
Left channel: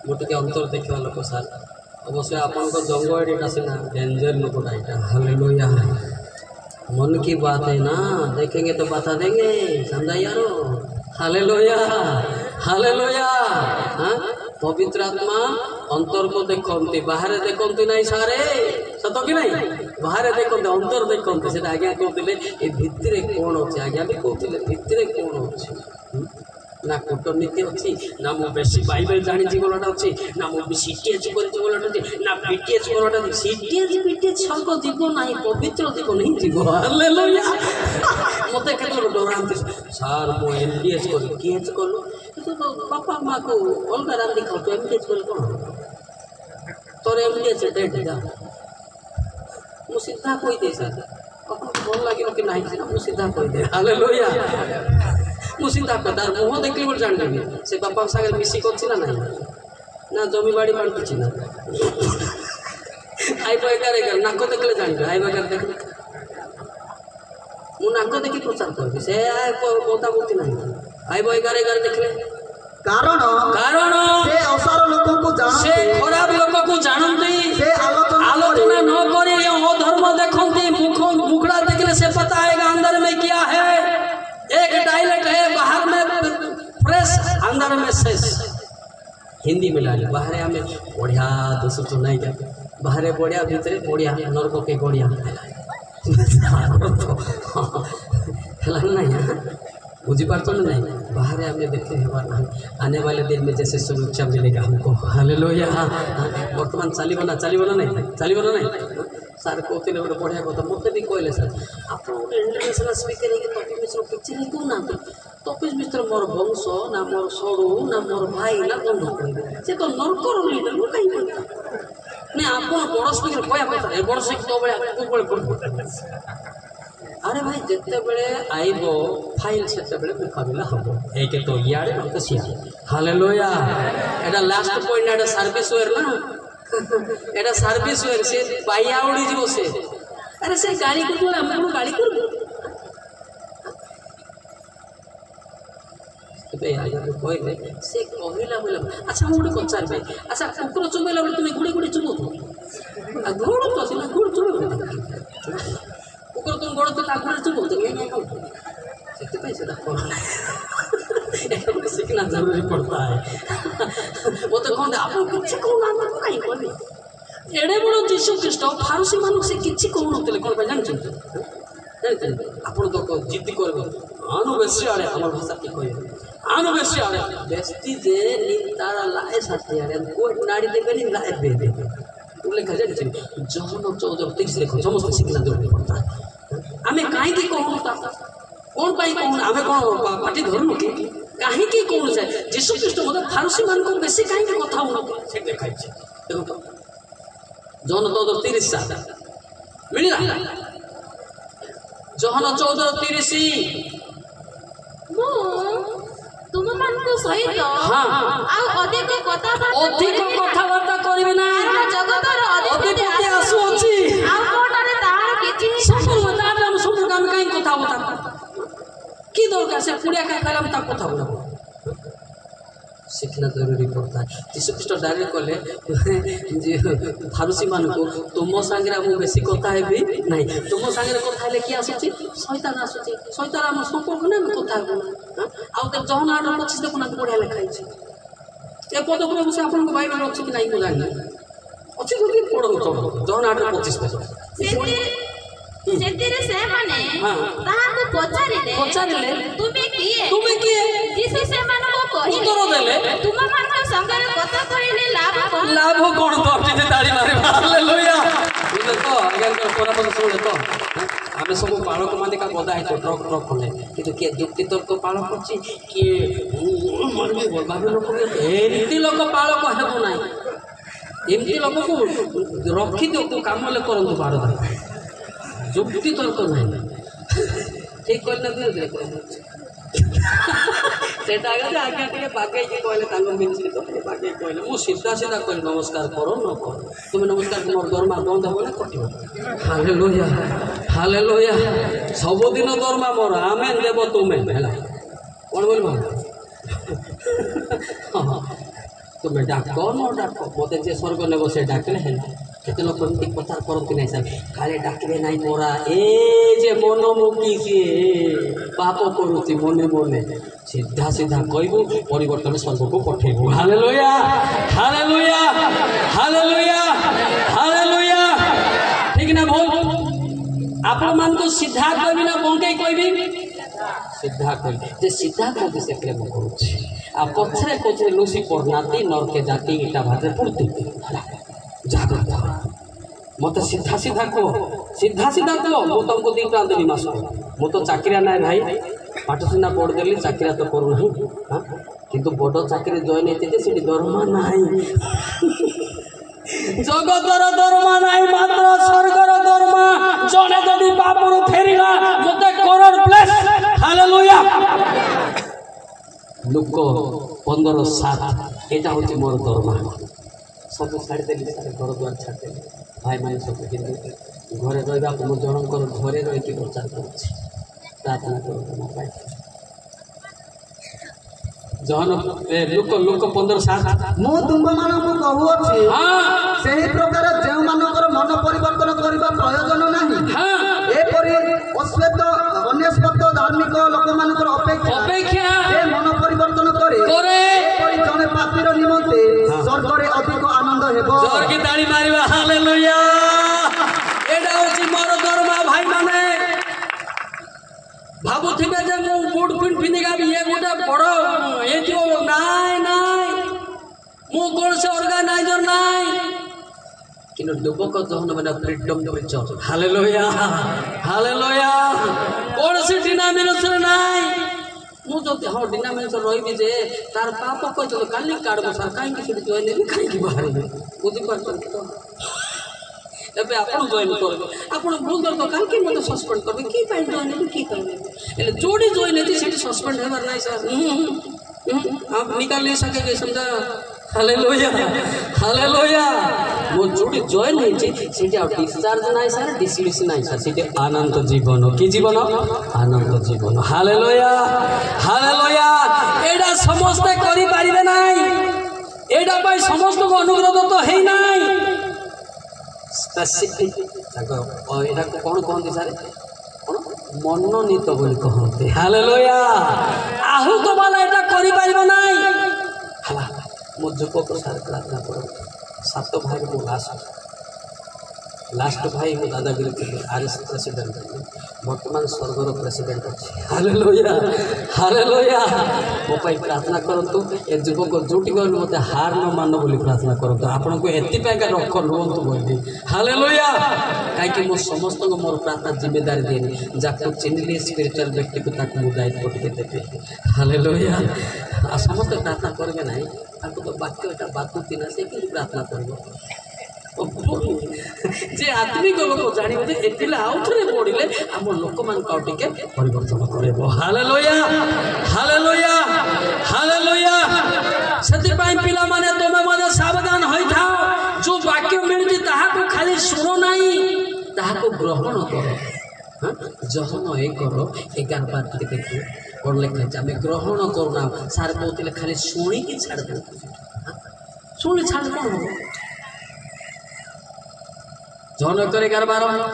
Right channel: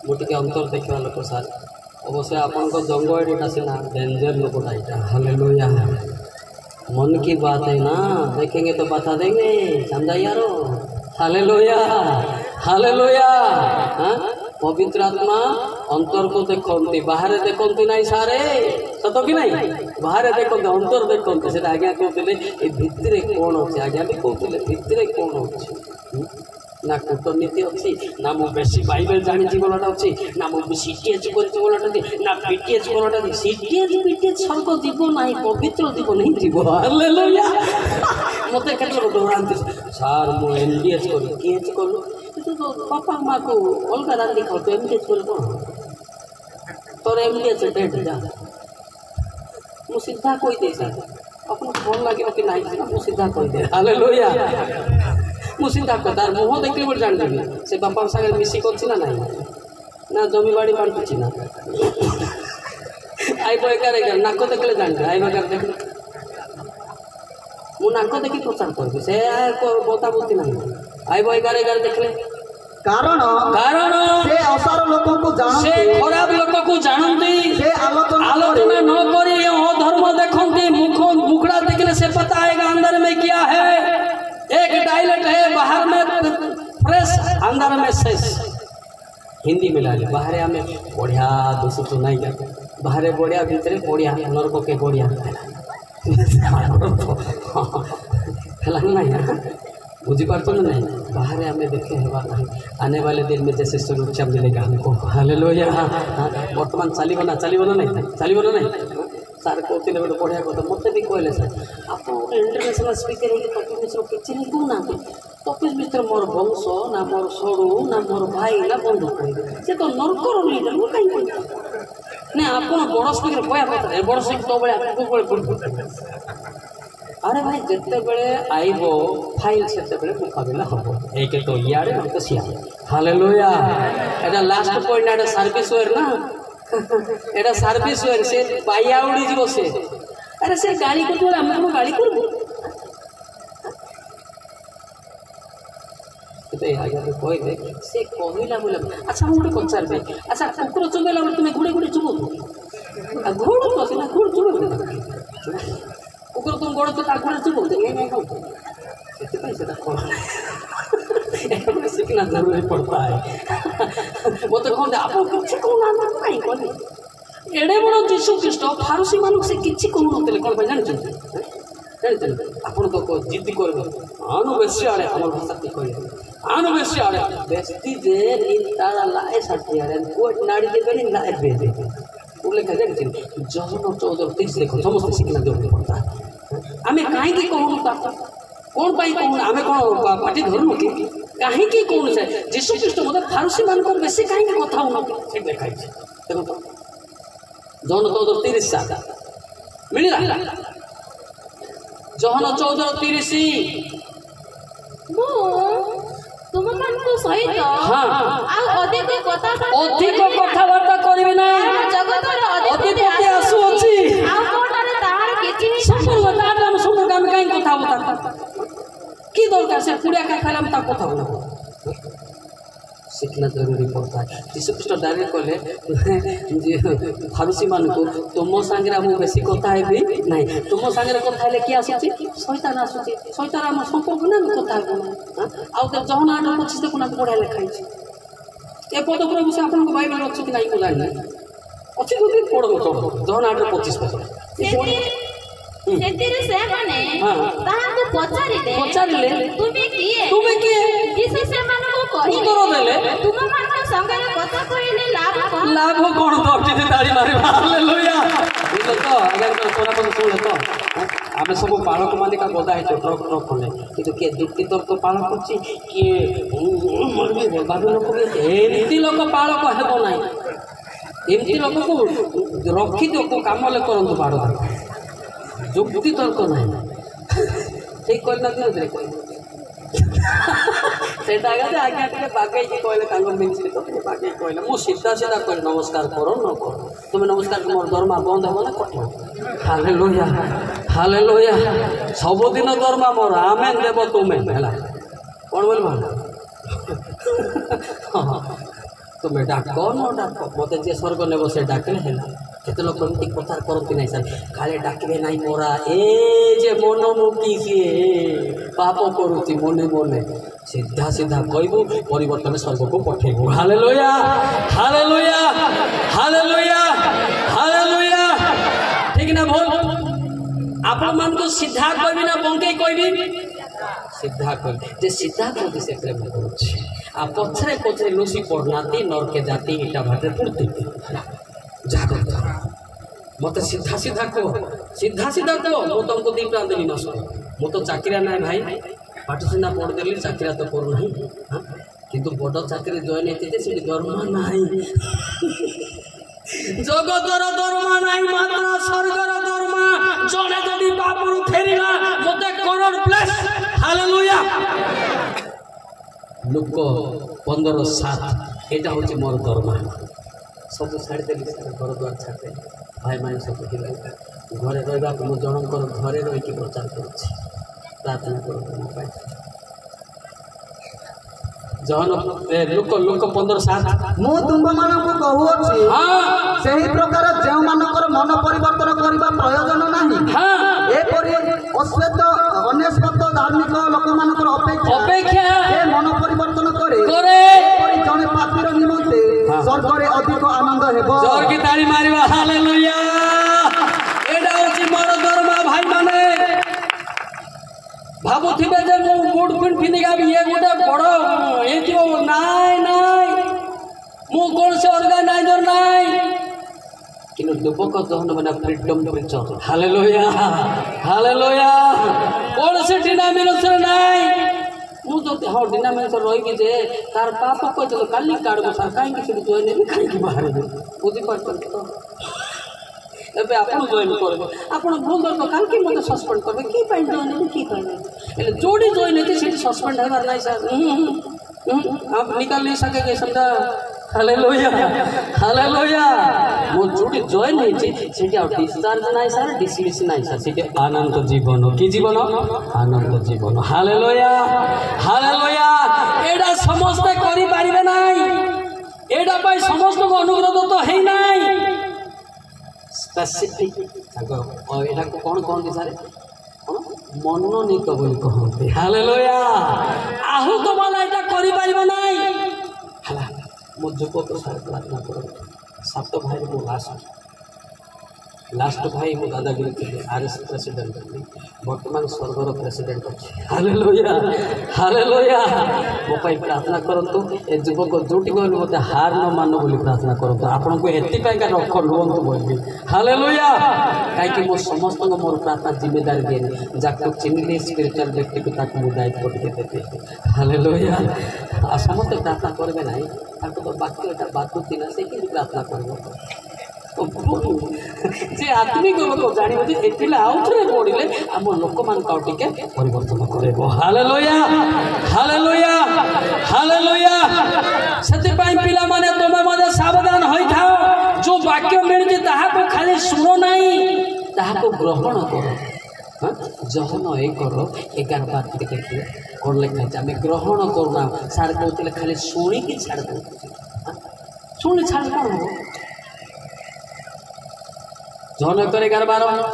मो टिके अंतर देखिबा लोक सार अवश्य आपण को जंग एटा सिना डेंजर लोकटा एटा। हालेलुया। मन की बात है ना देखेंगे तो बता देंगे समझा यारो। Hallelujah hallelujah. पवित्र आत्मा अंतर को देखते बाहर देखते नहीं सारे सत कि नहीं बाहर देखते अंतर देखते से आज्ञा कहते भितर कौन अच्छे आज्ञा भी कहते भितर कौन अच्छे ना कूटनीति अच्छी ना मु बेसी बाइबल जानी बोलाटा अच्छी ना मु सीटीएच करछि बोलाटा अच्छी ना बीटीएच बोलाटा अच्छी सीटीएच बीटीएच स्वर्ग जीव ना पवित्र जीव नहीं जीव हालेलुया मते केते डरांती सार मु एमडीएच करी केएच करू तो पापा माँ को अलग रांधी खाऊ तो एमडीएच कर कौन तोर एमडीएच डेट जा मु सीधा कोई दे सर अपन भल लगे कि नहीं मु सीधा कोई दे हालेलुया मु सीधा तार मुह देखली बोल जान देबी से बापा सागे मिसी करछि ना नहीं ना जमी बाड़ी बांटछि ना आई बय करे नाक देखले जान आई बगर देख मु नाक देखि प्रचार करबी से आय बोता बोती नहीं आई बय करे देखले कारण कारण से असार लोक को जानते से खराब लोक को जानती से आलोचना न करी धर्म देखती मुखड़ा देखने से पता आएगा अंदर में क्या है। एक टॉयलेट है बाहर में फ्रेश अंदर में शेष हिंदी मिला ली बाहर हमें बढ़िया दोस्तों तो नहीं क्या बाहर बढ़िया भीतर बढ़िया नरक के बढ़िया नहीं बुझीपार नहीं बाहर हमें देखे है आने वाले दिन में जैसे सुरक्षा मिलेगा हमको हालेलुया वर्तमान चलो ना नहीं सारे कहते गोटे बढ़िया कथा मत भी कहले सर आप गोटे इंटरनेशनल स्पीकर है तपीश मिश्र किसी नहीं कहना तपीश मिश्र मोर वंश ना मोर सड़ू ना मोर भाई ना बंधु कहे सी तो नरकर लीडर वो कहीं नहीं आप बड़ स्पीकर कह कथा बड़ स्पीकर अरे भाई जिते बड़े आइब फाइल से बड़े मुकाबला हम एक तो इे ना तो सियाड़े hallelujah Etah last point Etah service where ना एटा सर्विस वेयर से पाइया उड़ी जीव से अरे से गाड़ी को आम गाड़ी कर कहले से कहला बोले अच्छा मुझे पचारे अच्छा कुकुर चुबेला बोले तुम्हें गुड़े गुड़े चुबो घोड़ तो ना घोड़ चुबे कुकुर तुम गोड़ तो गोड़े चुबो से सीखना जरूरी पड़ता है वो तो कहते आप किसी कहना कहीं कहने एड़े बड़ जीशु ख्रीस्ट फारसी मान से किसी कहते कौन जानते आपड़ तो जिद्दी कर आनु बेसी आड़े आम भाषा की कह आनु बेसी आड़े बेस्ती जे तारा लाए साथी आड़े कोट नाड़ी देवे लाए दे उल्लेख जानते जहन 14:30 देखो समस्त सीखना जरूरी पड़ता है आम कहीं कहूँ कौन पाई कहूँ आम कौन पार्टी धरनु कि कहीं कौन से जीशु ख्रीस्ट मतलब फारसी मान को बेसी कहीं कथा हो से देखाई देखो तो जहन 14:30 मिला जहन 14:30 तुम मान सहित अधिक कथबार्ता करेंगे ना जगतर अधिपति आसु अच्छी सब काम कहीं कथा कि दरकार से पुड़िया का खालाम ता कथा बोला सीखना जरूरी पड़ता है जीशु ख्रीस्ट डायरेक्ट कहले फारसी मान को तुम सांगे मु बेसी कथा हेबी नहीं तुम सांगे कथा हेले कि आसुची शैतान आसुची शैतान हम संपर्क ना कथा हेबो ना आ तो जहन 8:25 देखो ना बढ़िया लिखाई ए पद प्रभु से आपन को बाइबल अछि कि नहीं को जानि अछि तो पढ़ो तो जहन 8:25 सेतिरे से माने ताहां को पचारिले तुमे किए जीसु से मन को कहि उत्तर देले तुम मान को संगरे कथा कहिले लाभ कोन तो जे ताड़ी मारे हालेलुया इले तो अगर तो तोरा को सुने तो आमे सब बालक माने का बोधा है ट्रक ट्रक कोने किंतु के युक्ति तर्क पालन करछि के मनबे बाबे लोक एमती लोक पालक हेबो नाही एमती लोक को रखी दो काम ले करंतु बाड़ युक्ति तर्क नहीं ठीक करना दे सेटा आगे आगे बागे कहले मिनिस्ट्री तो बागे कहले मु सीधा सीधा कह नमस्कार करो न करो तुम नमस्कार मोर दरमा बंद हो ना कट हालेलुया हालेलुया सबुदिन दरमा मोर आमेन देव तुम्हें है कौन बोल तुम्हें डाक न डाक मत जे स्वर्ग नेब से डाकले है केते लोक एमती प्रचार करती नहीं सर काले डाकबे नहीं मोरा ए जे मनमुखी सी पाप करुची मने मने सीधा सीधा कहबू परिवर्तन स्वर्ग को पठेबू हालेलुया हालेलुया हालेलुया हालेलुया ठीक ना बोल आप मान को सीधा कहबी ना बंके कहबी सीधा कहले जे सीधा कहते से प्रेम करुच्छे आ पछरे पछरे लुसी पड़नाती नरके जाती इटा भाटे पुड़ती जागृत मत सीधा सीधा कह मु तुमको दी प्राण देवी मास मु तो चाकरिया ना भाई पाठ सीना पढ़ देली चाकरिया तो करू ना हाँ किंतु बड़ चाकरी जॉइन होती से दरमा ना जगतर दरमा ना मात्र स्वर्गर दरमा जने जदि बापुरु फेरिला मते करोड़ प्लस हालेलुया लोक 15-7 एटा होची मोर दरमा सब छाड़ देली सारे घर द्वार छाड़ देली भाई माने सब हिंदू घरे रहिबा को जनकर घरे रही कि प्रचार करुछि प्रार्थना करू पाए जहन लोक 15-7 मु तुम मानक कहूछि सही प्रकार जे मानकर मन परिवर्तन करबा प्रयोजन नाही एपरि अश्वेत अनेश्वत धार्मिक लोक मानकर अपेक्षा जे मन परिवर्तन करे एपरि जने पापीर निमंते स्वर्ग रे अधिक आनंद हेबो जोर की ताली मारिबा हालेलुया एडा होछि मोर दरमा भाई माने भाबुथिबे जे मु बूट पिन पिनिगा ये गोटे बड़ ए जो नाय मु कोन से ऑर्गेनाइजर नाय किनो दुबक जहन बना फ्रीडम प्रीचर हालेलुया कोन से डिनोमिनेशन नाय मु जो हाँ डिनोमिनेशन रही जे तार पाप कह तो काली काढ़ सर कहीं जॉइन हेबी कहीं बाहर बुझी पार तो एबे आपण जॉइन करबे आपण भूल दर तो काल के मते सस्पेंड करबे की पाई जॉइन हेबी की पाई एले जोड़ी जॉइन हेती सेठी सस्पेंड हेबार नाही सर आप निकाल नहीं सकेंगे समझा हालेलुया मो जोड़ी जॉइन हेती सेठी आ डिस्चार्ज नाही सर डिसमिस नाही सर सेठी अनंत जीवन की जीवन अनंत जीवन हालेलुया एडा समस्त करि पारिबे नाही एडा पाई समस्त को अनुग्रह तो हेई नाही स्पेसिफिक एटा कौन कहते सारे कौन मनोनीत बोली कहते हालेलुया आहु तो वाला एटा करि पारिबो नाही हला मो जुबक सारे प्रार्थना करो 7 भाई को लास्ट भाई मो दादागिरी थे आरएस प्रेसिडेंट वर्तमान स्वर्गर प्रेसिडेंट अच्छे हालेलुया मो पाई प्रार्थना करंतु ए जुबक जोटी गल मते हार न मानो बोली प्रार्थना करंतु आपन को एति पे का रख रोंतु बोली हालेलुया काई कि मो समस्त को मोर प्रार्थना जिम्मेदारी देनी जाको चिन्हले स्पिरिचुअल व्यक्ति को ताको मो दायित्व टिके देते हालेलुया आ समस्त प्रार्थना करबे नाही ताको तो वाक्य एटा बातुती ना से कि प्रार्थना करबो जे आत्मिक लोक जानिबो जे एतिला आउथरे पडिले हम लोक मान का टिके परिवर्तन करबो हालेलुया सत्य पाई पिला माने तुमे मने सावधान होई थाओ जो वाक्य मिलजे ताहा को खाली सुनो नाही ताहा को ग्रहण करो जहन 1:11 बार टिके देखिए कोन लेखा छै हमें ग्रहण करूना सार कहतिले खाली सुनी की छाड़ दो सुनी छाड़ कोन हो जहन 1:11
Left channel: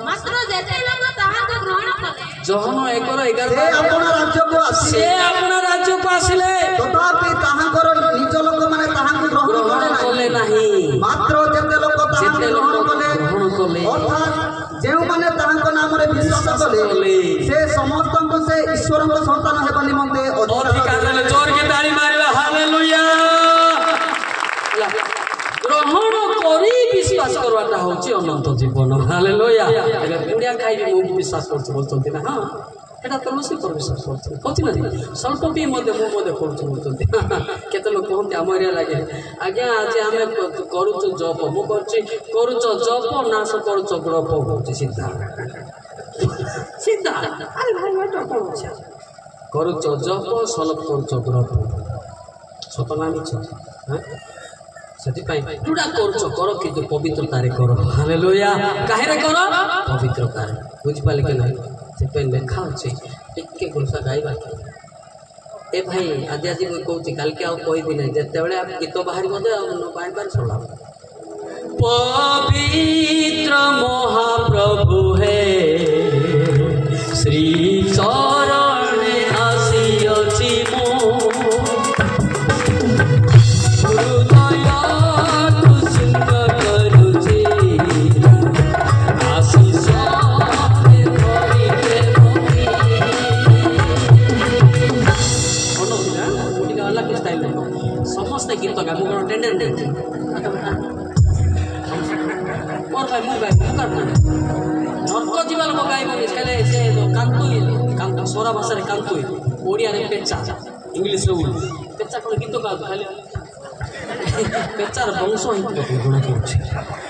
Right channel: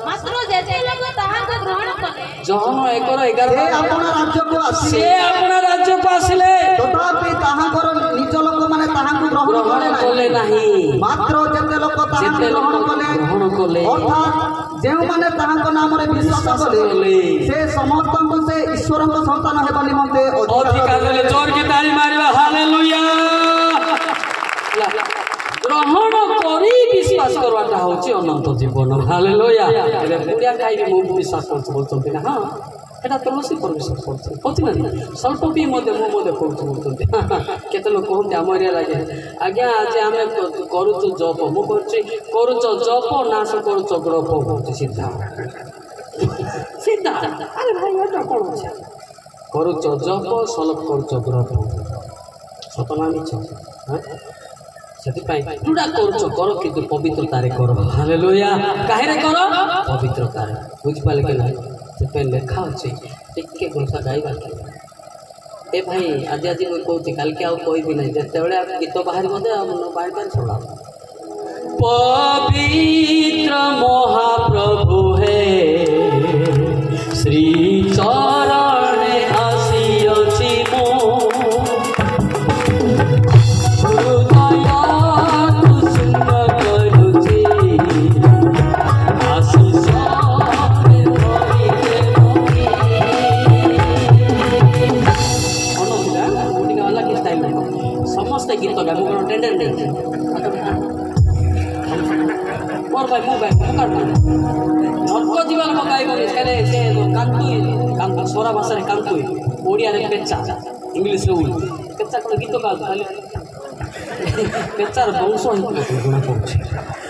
मात्र जेते लोग ताहा को ग्रहण कले जहन 1:11 से अपना राज्य को आसिले तथापि ताहा कर निज लोक माने ताहा को ग्रहण कले नाही मात्र जेते लोक ताहा ग्रहण कले अर्थात जे माने ताहा को नाम रे विश्वास कले से समस्त को से ईश्वर को संतान हेबा निमंते अधिकार ले जोर की ताली मारिबा हालेलुया ग्रहण करी विश्वास करवाटा होची अनंत जीवन हालेलुया गुड़िया खाई मु विश्वास करछ बोलछंती ना हां एटा तो लसी पर विश्वास करछ पछि ना स्वल्प भी मो करछ बोलछंती केते लोक कहते हम एरिया लागे आज्ञा आज हमें करूछ जप मु करूछ जप नाश करूछ ग्रप होची सीधा अरे भाई एटा कोन छै करूछ जप सलप करूछ ग्रप सतना मिछ हां जोड़ा कर किंतु पवित्रतारे कर हालेलुया काहे करो पवित्रतारे बुझ पाले के नहीं से लेखा अच्छे टिके घोषा गाइबा ए भाई आज आज मुझे कहूँ काल के आबी ना जिते बड़े गीत बाहर बाहर सुना पवित्र महाप्रभु है श्री चरण आसी ओडिया रे पेचा इंग्लिश रे उल पेचा कोन गीत गा खाली पेचार वंश हित गुणा पड़छ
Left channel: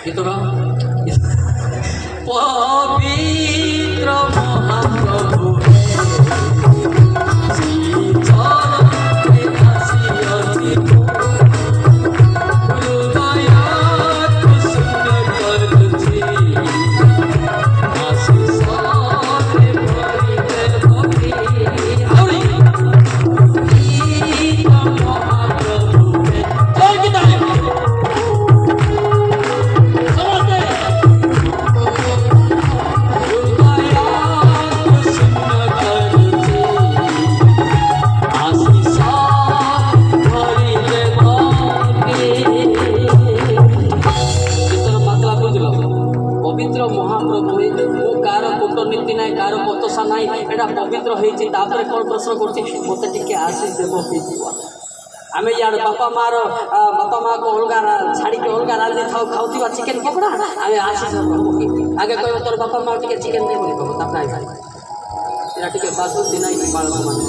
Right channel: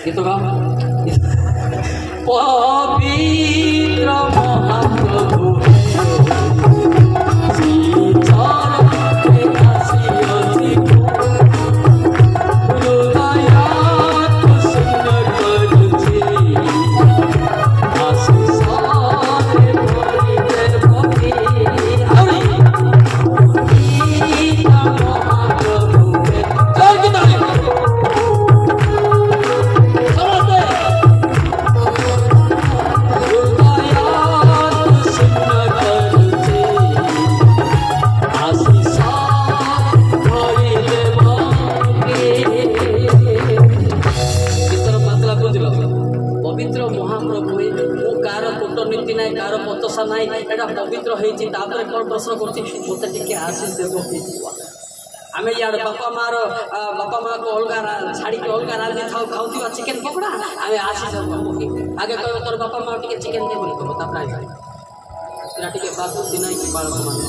गीत गा पवित्र महाप्रभु प्रश्न करते आशीष देव आम यार बापा मार बापा माँ को अलग छाड़ी के अलग रांधि खाऊ चिकेन पकड़ा आम आशीष आगे कह तोर बापा माँ टे चिकेन दे बोली कह टे बाजुची ना बालक मैंने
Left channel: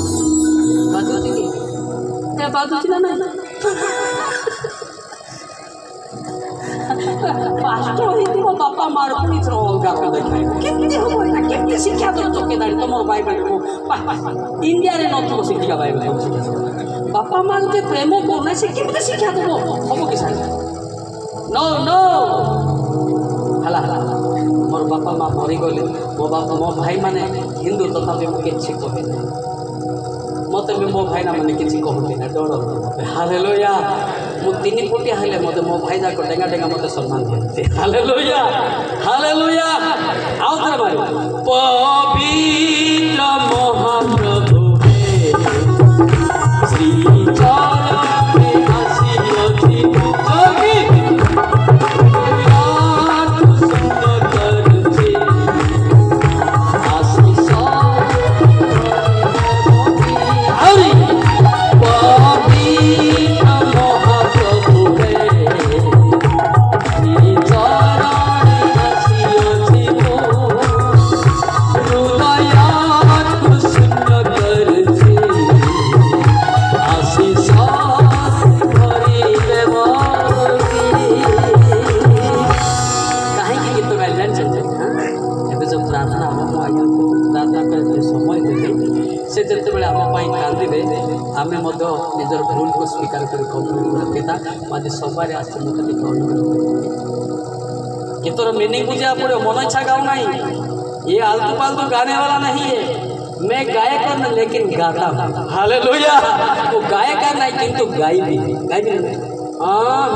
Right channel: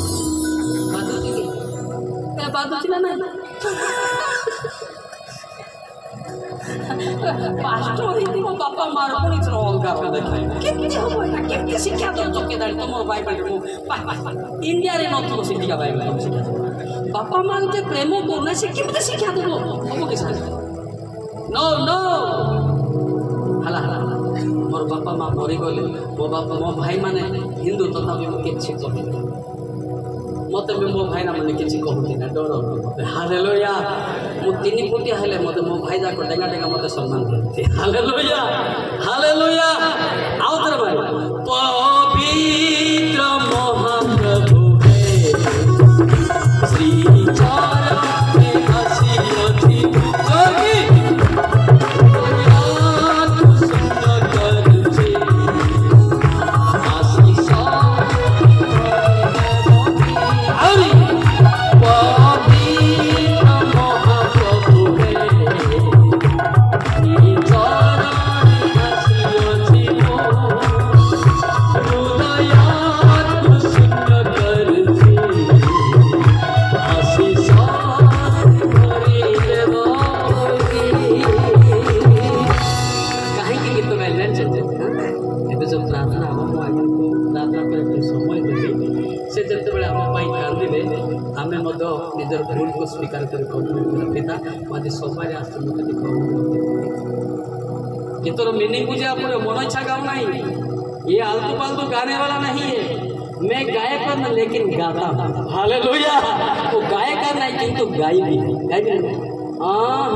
बाजुची कि बाजुची ना बापा मार अलग देखा शिक्षा दौच के तुम बाइबल इंडिया रे नथो शिक्षा बाइबल तुम शिक्षा बापा माँ के प्रेम करना से केमते शिक्षा देव हम कि नो नो हला मोर बापा माँ मरी गले मो बापा मो भाई माने हिंदू तथापि मुझे किसी कहे मत भी मो भाई मैंने किसी कहते ना डर मत हालेलुया मु 3 फुटिया हेले मत मो भाई जाक डेंगा डेंगा मत सम्मान दियते हालेलुया हालेलुया आओ तेरे भाई पवित्र महाप्रभु श्री चरण में आसीयति जोगी याद सुंदर करछे आशीष हरि पवित्र महाप्रभु श्री चरण में आसीयति हृदयात सुंदर करछे आशीष भरी देव कहीं गीत गाइले एवं जो प्रार्थना हम आज्ञा को प्रार्थना करते समय देते से जिते बड़े आम कांदे आम निजर भूल को स्वीकार कर पिता आज सवार आस मत गीतर मीनिंग बुझा पड़े मन इच्छा गाऊ नहीं ये आलतू पालतू गाने वाला नहीं है मैं गायक हूं लेकिन गाता हूं हालेलुया वो गायक नहीं किंतु गाइबी नहीं हाँ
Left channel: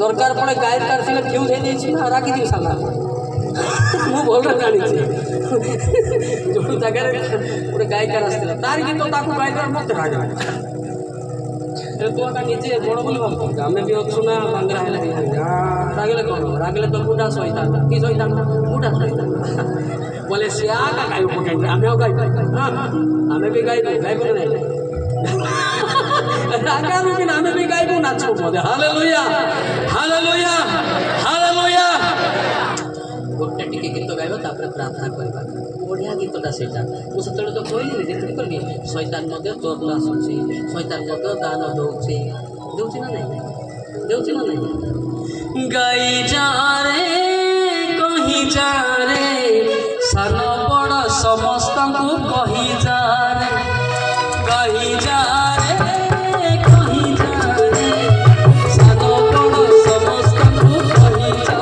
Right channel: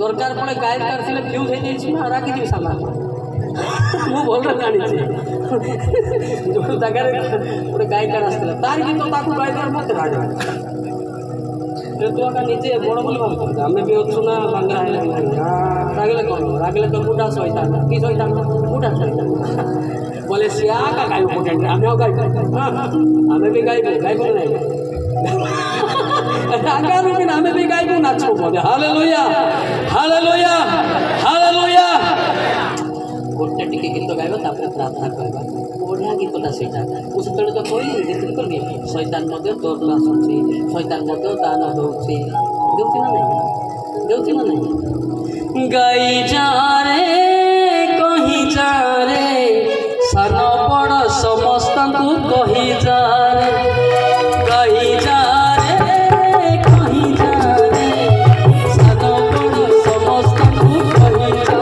दरकार पड़े गायक कर फ्यूज हो जाए राखी दी साला मु भल जानी जो जगह गोटे गायिकार आसला तार गीत गायिकार मत राग तू आगे निजे बड़ बोली भाव आम भी अच्छु ना बांग्रा रागले कह रागले तो बुढ़ा सहिता कि सहिता बुढ़ा सहिता बोले सी आगा गाय आम गाय आम भी गायबू गायबू नहीं आगामी दिन आम भी गायबू नाचो बोले हालेलुया हालेलुया हालेलुया गोटे टिके गीत गाइबा तापर प्रार्थना करबा बढ़िया गीतटा सेटा मु सेतले तो कहली जेतले करबी शैतान मध्य तोर आसुची शैतान मध्य दान दउची ना नहीं गाई जा रे कहीं जा रे सान बड़ समस्त को कही जा रे गाई जा रे कहीं जा रे सान बड़ समस्त को कही जा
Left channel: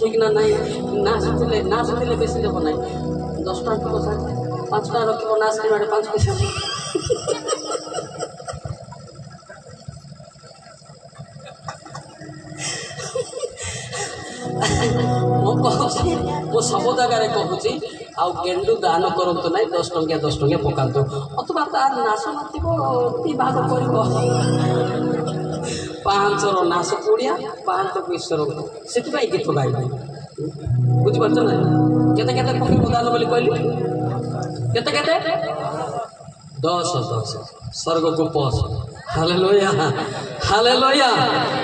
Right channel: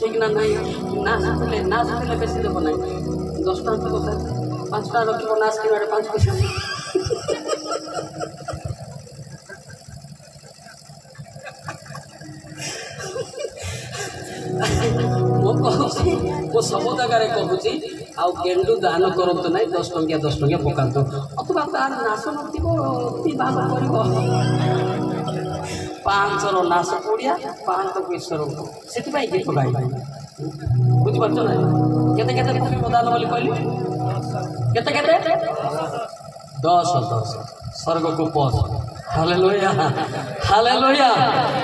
ঠিক না নাই না শুনিলে বেশি দেব নাই 10 টাকা দেব স্যার 5 টাকা রকিব না শুনি মানে 5 পয়সা ମୁଁ ସବୁ ଜାଗାରେ କହୁଛି ଆଉ ଗେଣ୍ଡୁ ଦାନ କରନ୍ତୁ ନାହିଁ 10 ଟଙ୍କିଆ ପକାନ୍ତୁ ଅଥବା ତାର ନାଶ ନଥିବ ଭାଗ କରିବ 5ର ନାଶ କୋଡ଼ିଆ 5 ଈଶ୍ୱରଙ୍କୁ ସେଥିପାଇଁ ଗୀତ ଗାଇବା ବୁଝିପାରୁଛ ନା କେତେ କେତେ ପକେଇବ ଦାନ ବୋଲି କହିଲି କେତେ 10 ସ୍ୱର୍ଗକୁ ପଶ ହାଲେଲୁୟା ହାଲେଲୁୟା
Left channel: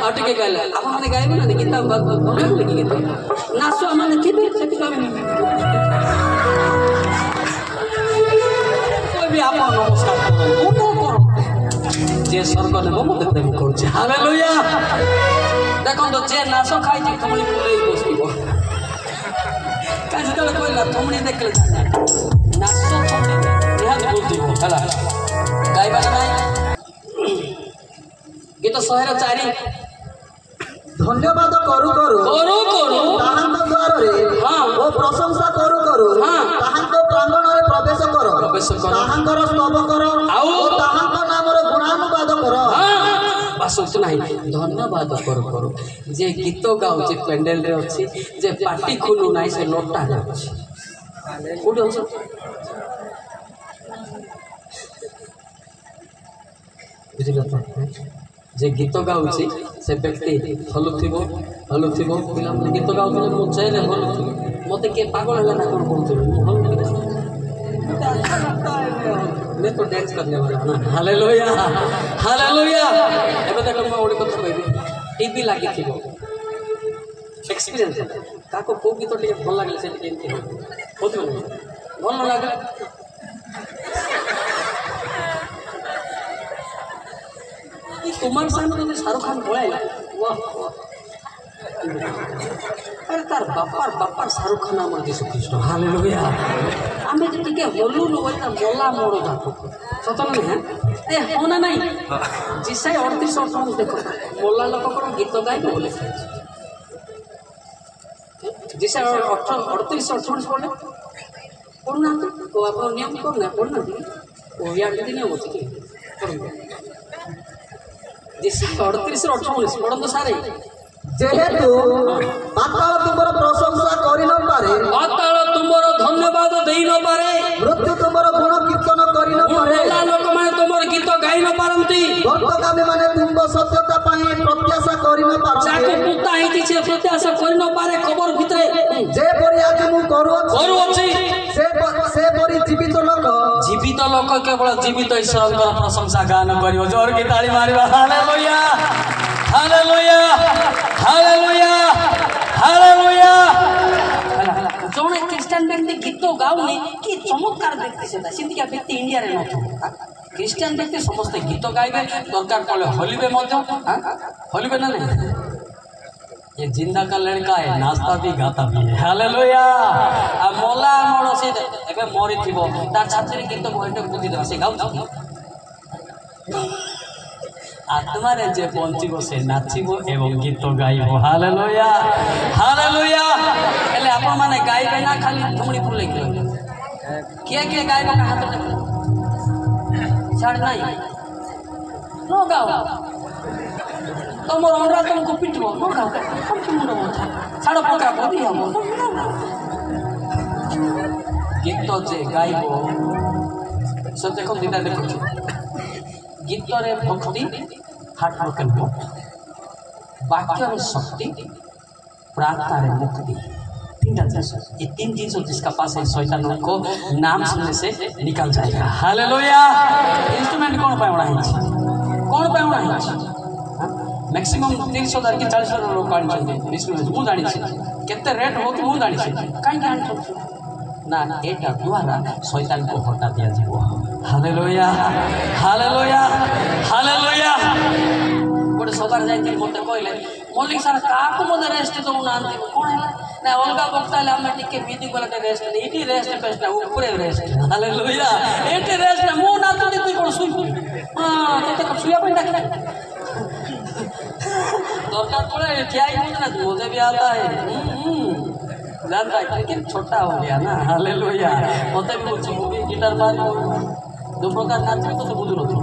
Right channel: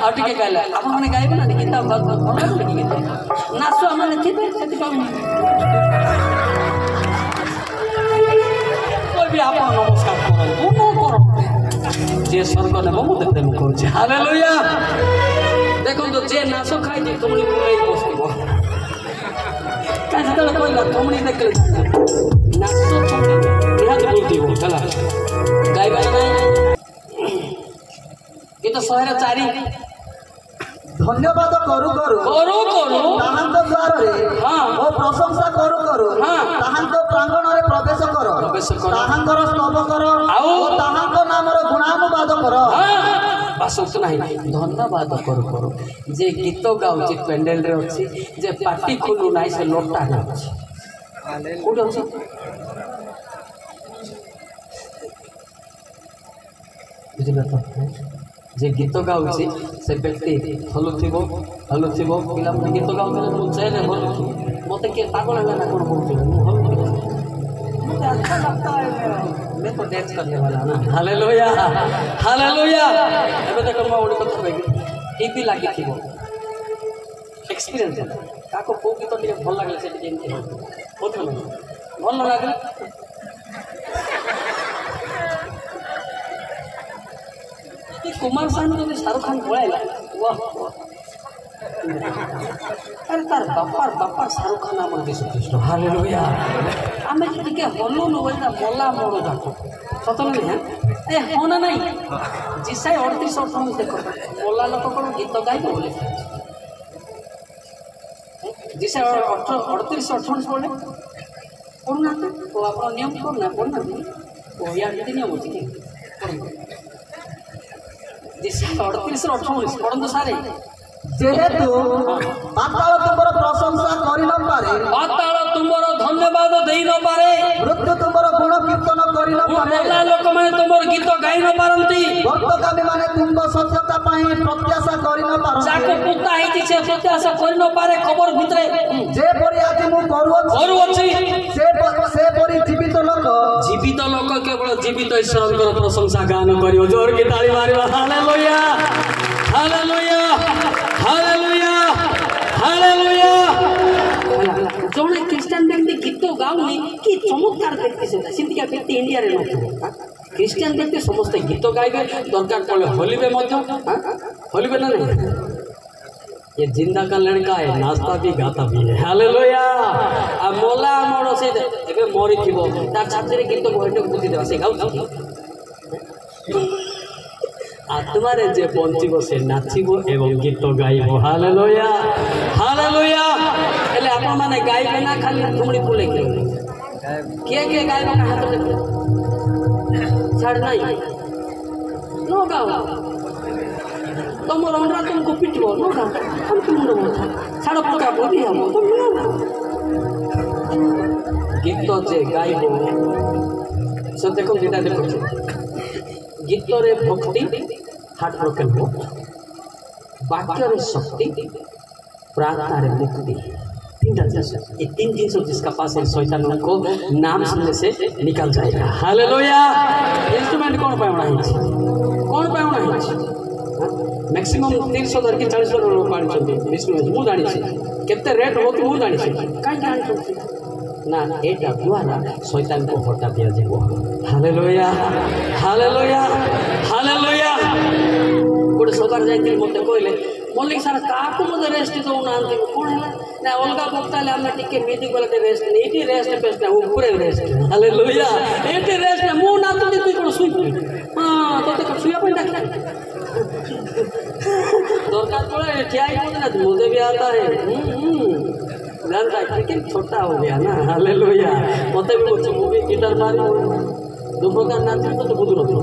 ଆଉ ଟିକେ ଗାଇଲା ଆପଣମାନେ ଗାଇବେ ନା ଗୀତ ଭଲ ଲାଗୁନି କି ଗୀତ ନାଚ ଆମେ ଥିବେ ସେଥିପାଇଁ କହିବି ଆପଣ ନମସ୍କାର କରନ୍ତୁ ମୁଁ କର ଯିଏ ସ୍ୱର୍ଗ ନେବ ମୁଁ ଦେଖେ ମୁଁ କହୁଛି ହାଲେଲୁୟା ଦେଖନ୍ତୁ ଯିଏ ନାଚ ଖାଇଛି ତୁମଳି ପୁରେଇ ବସିବ ଯେତେବେଳେ କହିଲା ତୁମଳି ଦେଖିଲେ ନାଚ ନିହାତି ବୁଝିବ ହେଲା ଗାଇବା ନାହିଁ ଗୀତ 104 ଧନ୍ୟବାଦ କରୁ ତାହାଙ୍କ ଦ୍ୱାରରେ ଓ ପ୍ରଶଂସା କରୁ ତାହାଙ୍କ ପ୍ରାଙ୍ଗଣରେ ପ୍ରବେଶ କର ତାହାଙ୍କର ସ୍ତବ କର ଆଉ ତାହାଙ୍କ ନାମର ଗୁଣାନୁବାଦ କର ବାସ ନାହିଁ ଧନ୍ୟବାଦ କରୁ ଯେ ଗୀତ ଗାଉଛି ପେଣ୍ଡେଲରେ ଅଛି ଯେ ପାଟି ଖୋଲୁ ନାହିଁ ସେ ନୋଟା ଗାଉଛି କୋଉଠି ଅଛି ବୁଝିଲ ତ ଯେ ଗୀତ ଗାଉଛି ସେ ବ୍ୟକ୍ତି ହଲୁଥିବ ପିଲାମାନେ ଗୀତ ଗାଉଥିଲେ ମୁଁ ଚେହେରା ହଲୁଥିବି ମୋତେ କିଏ ପାଗଳ ହେଲା ନା କ'ଣ କହୁଥିବେ ମୁଁ ହଲୁଥିବି मैं तो डांस करने वाला ना हालेलुया हालेलुया ଏବେ ଦେଖ ମୁଁ ଗୋଟେ କଥା କହିବି ଟିଭି ଲାଗିଥିବ ଏକ୍ସପିରିଏନ୍ସ ତାକୁ କୋଉ ଗୀତ ଟିକେ ଭଲ ଲାଗିଲେ ସେଠି କେମିତି ହଉଥିବ ନା ଭଲ ନ ଲାଗିଲେ कुमार सानू जो शाहरुख खान पळायला वाह अरे तार बापार शाहरुख खान आम जीशु ख्रीष्ट हालेलुया आम जो टे हलुनु बोलता मला मोड़ जाको सत ना ए होना नहीं जिसाई 38 देख मोला लोक कौन गीत गायब बोले जिसाई 38 पढ़े पढ़ना तो आप नियम करना पढ़ना या नियम होती जिसाई 38 18 पढ़ंतु सारे जेहेतु पाताल तुमर प्रशंसा करि न पारे पाताल तुमर धन्यवाद देई न पारे मृत्यु तुमर गुण कीर्तन करि न पारे मोला लोक माने तुमर गीत गाई न पारंती भक्तगामी माने तुम सत्यता पाई प्रत्याशा करि न पारंती जाके पुता हेती छे प्रत्याशा करि न पारे खबर भितरे जे परि आज मु करूछि से परि जीवित लोक केवल जीवित ईश्वरଙ୍କର प्रशंसा गान करियो जोर की ताली Mario hallelujah hallelujah hallelujah hallelujah जोने क्रिश्चियन व्यक्ति गीत गाउनी कि चमत्कार व्यक्ति सेता सिद्धिका व्यक्ति इंडिया रे नथो क्रिश्चियन व्यक्ति समस्त गीत गाइबे दरकार पड़े हलिबे मध्य हलिबे ना ये जिंदा का लड़का है नाचता भी गाता भी है हालेलुया आ मोला मोर से एबे मरि थिबो तार छात्री गीत बहटे बुद्धि देबा से गाउछ आत्मा रे जे पहुंचीबो से नाचिबो एवं गीत गाइबो हालेलुया हालेलुया एले आपण माने गाइबे ना खाली घुमड़ी फुले के गाइबो का हाथ देखो छाड़ नहीं नो गाओ तुम अनुराग तुमको पिटबो नो गाओ छाड़ पका बोदी हम गीत जे गाइबो से देखो दिना देखो गीत रे भक्ति हार्ट ब्रोकन हो वाक्य रे शक्ति प्रार्थना रे मुक्ति ये तीन चीज जिसका पास है शैतान को नाम सुनने से निकल जाएगा हालेलुया इंस्ट्रूमेंट कौन पावना है मैक्सिमम 30,000 की 40,000 लोग गाड़ी चलते इंस्ट्रूमेंट मु जानी छे केते रेट हो कि मु जानी छे काई जानी छे ना एटा द्वारा शैतान को हटा दिया जाबो हालेलुया हालेलुया हालेलुया गोटे सबार जाइते मते कहले मल्लिक सर काको मते रेस्ट दो नांती कोन है ना अलगा बक्ताले हम टिके म्यूजिक वाला रेस्ट एटी रेस्ट पेस्ट ऊपर रेस्ट हालेलुया एटी रेस्ट मु ना तो तू कोन सुई हां तते को सुया पे डाक दरकार पड़े ठियाई कोन ना मजे भी आता है जानता है लेकिन छोटा हो गया ना हालेलुया मते भी बोलছি ମୁଁ ବି गिटार बार दो प्रकार नाचे तो बुझु नथि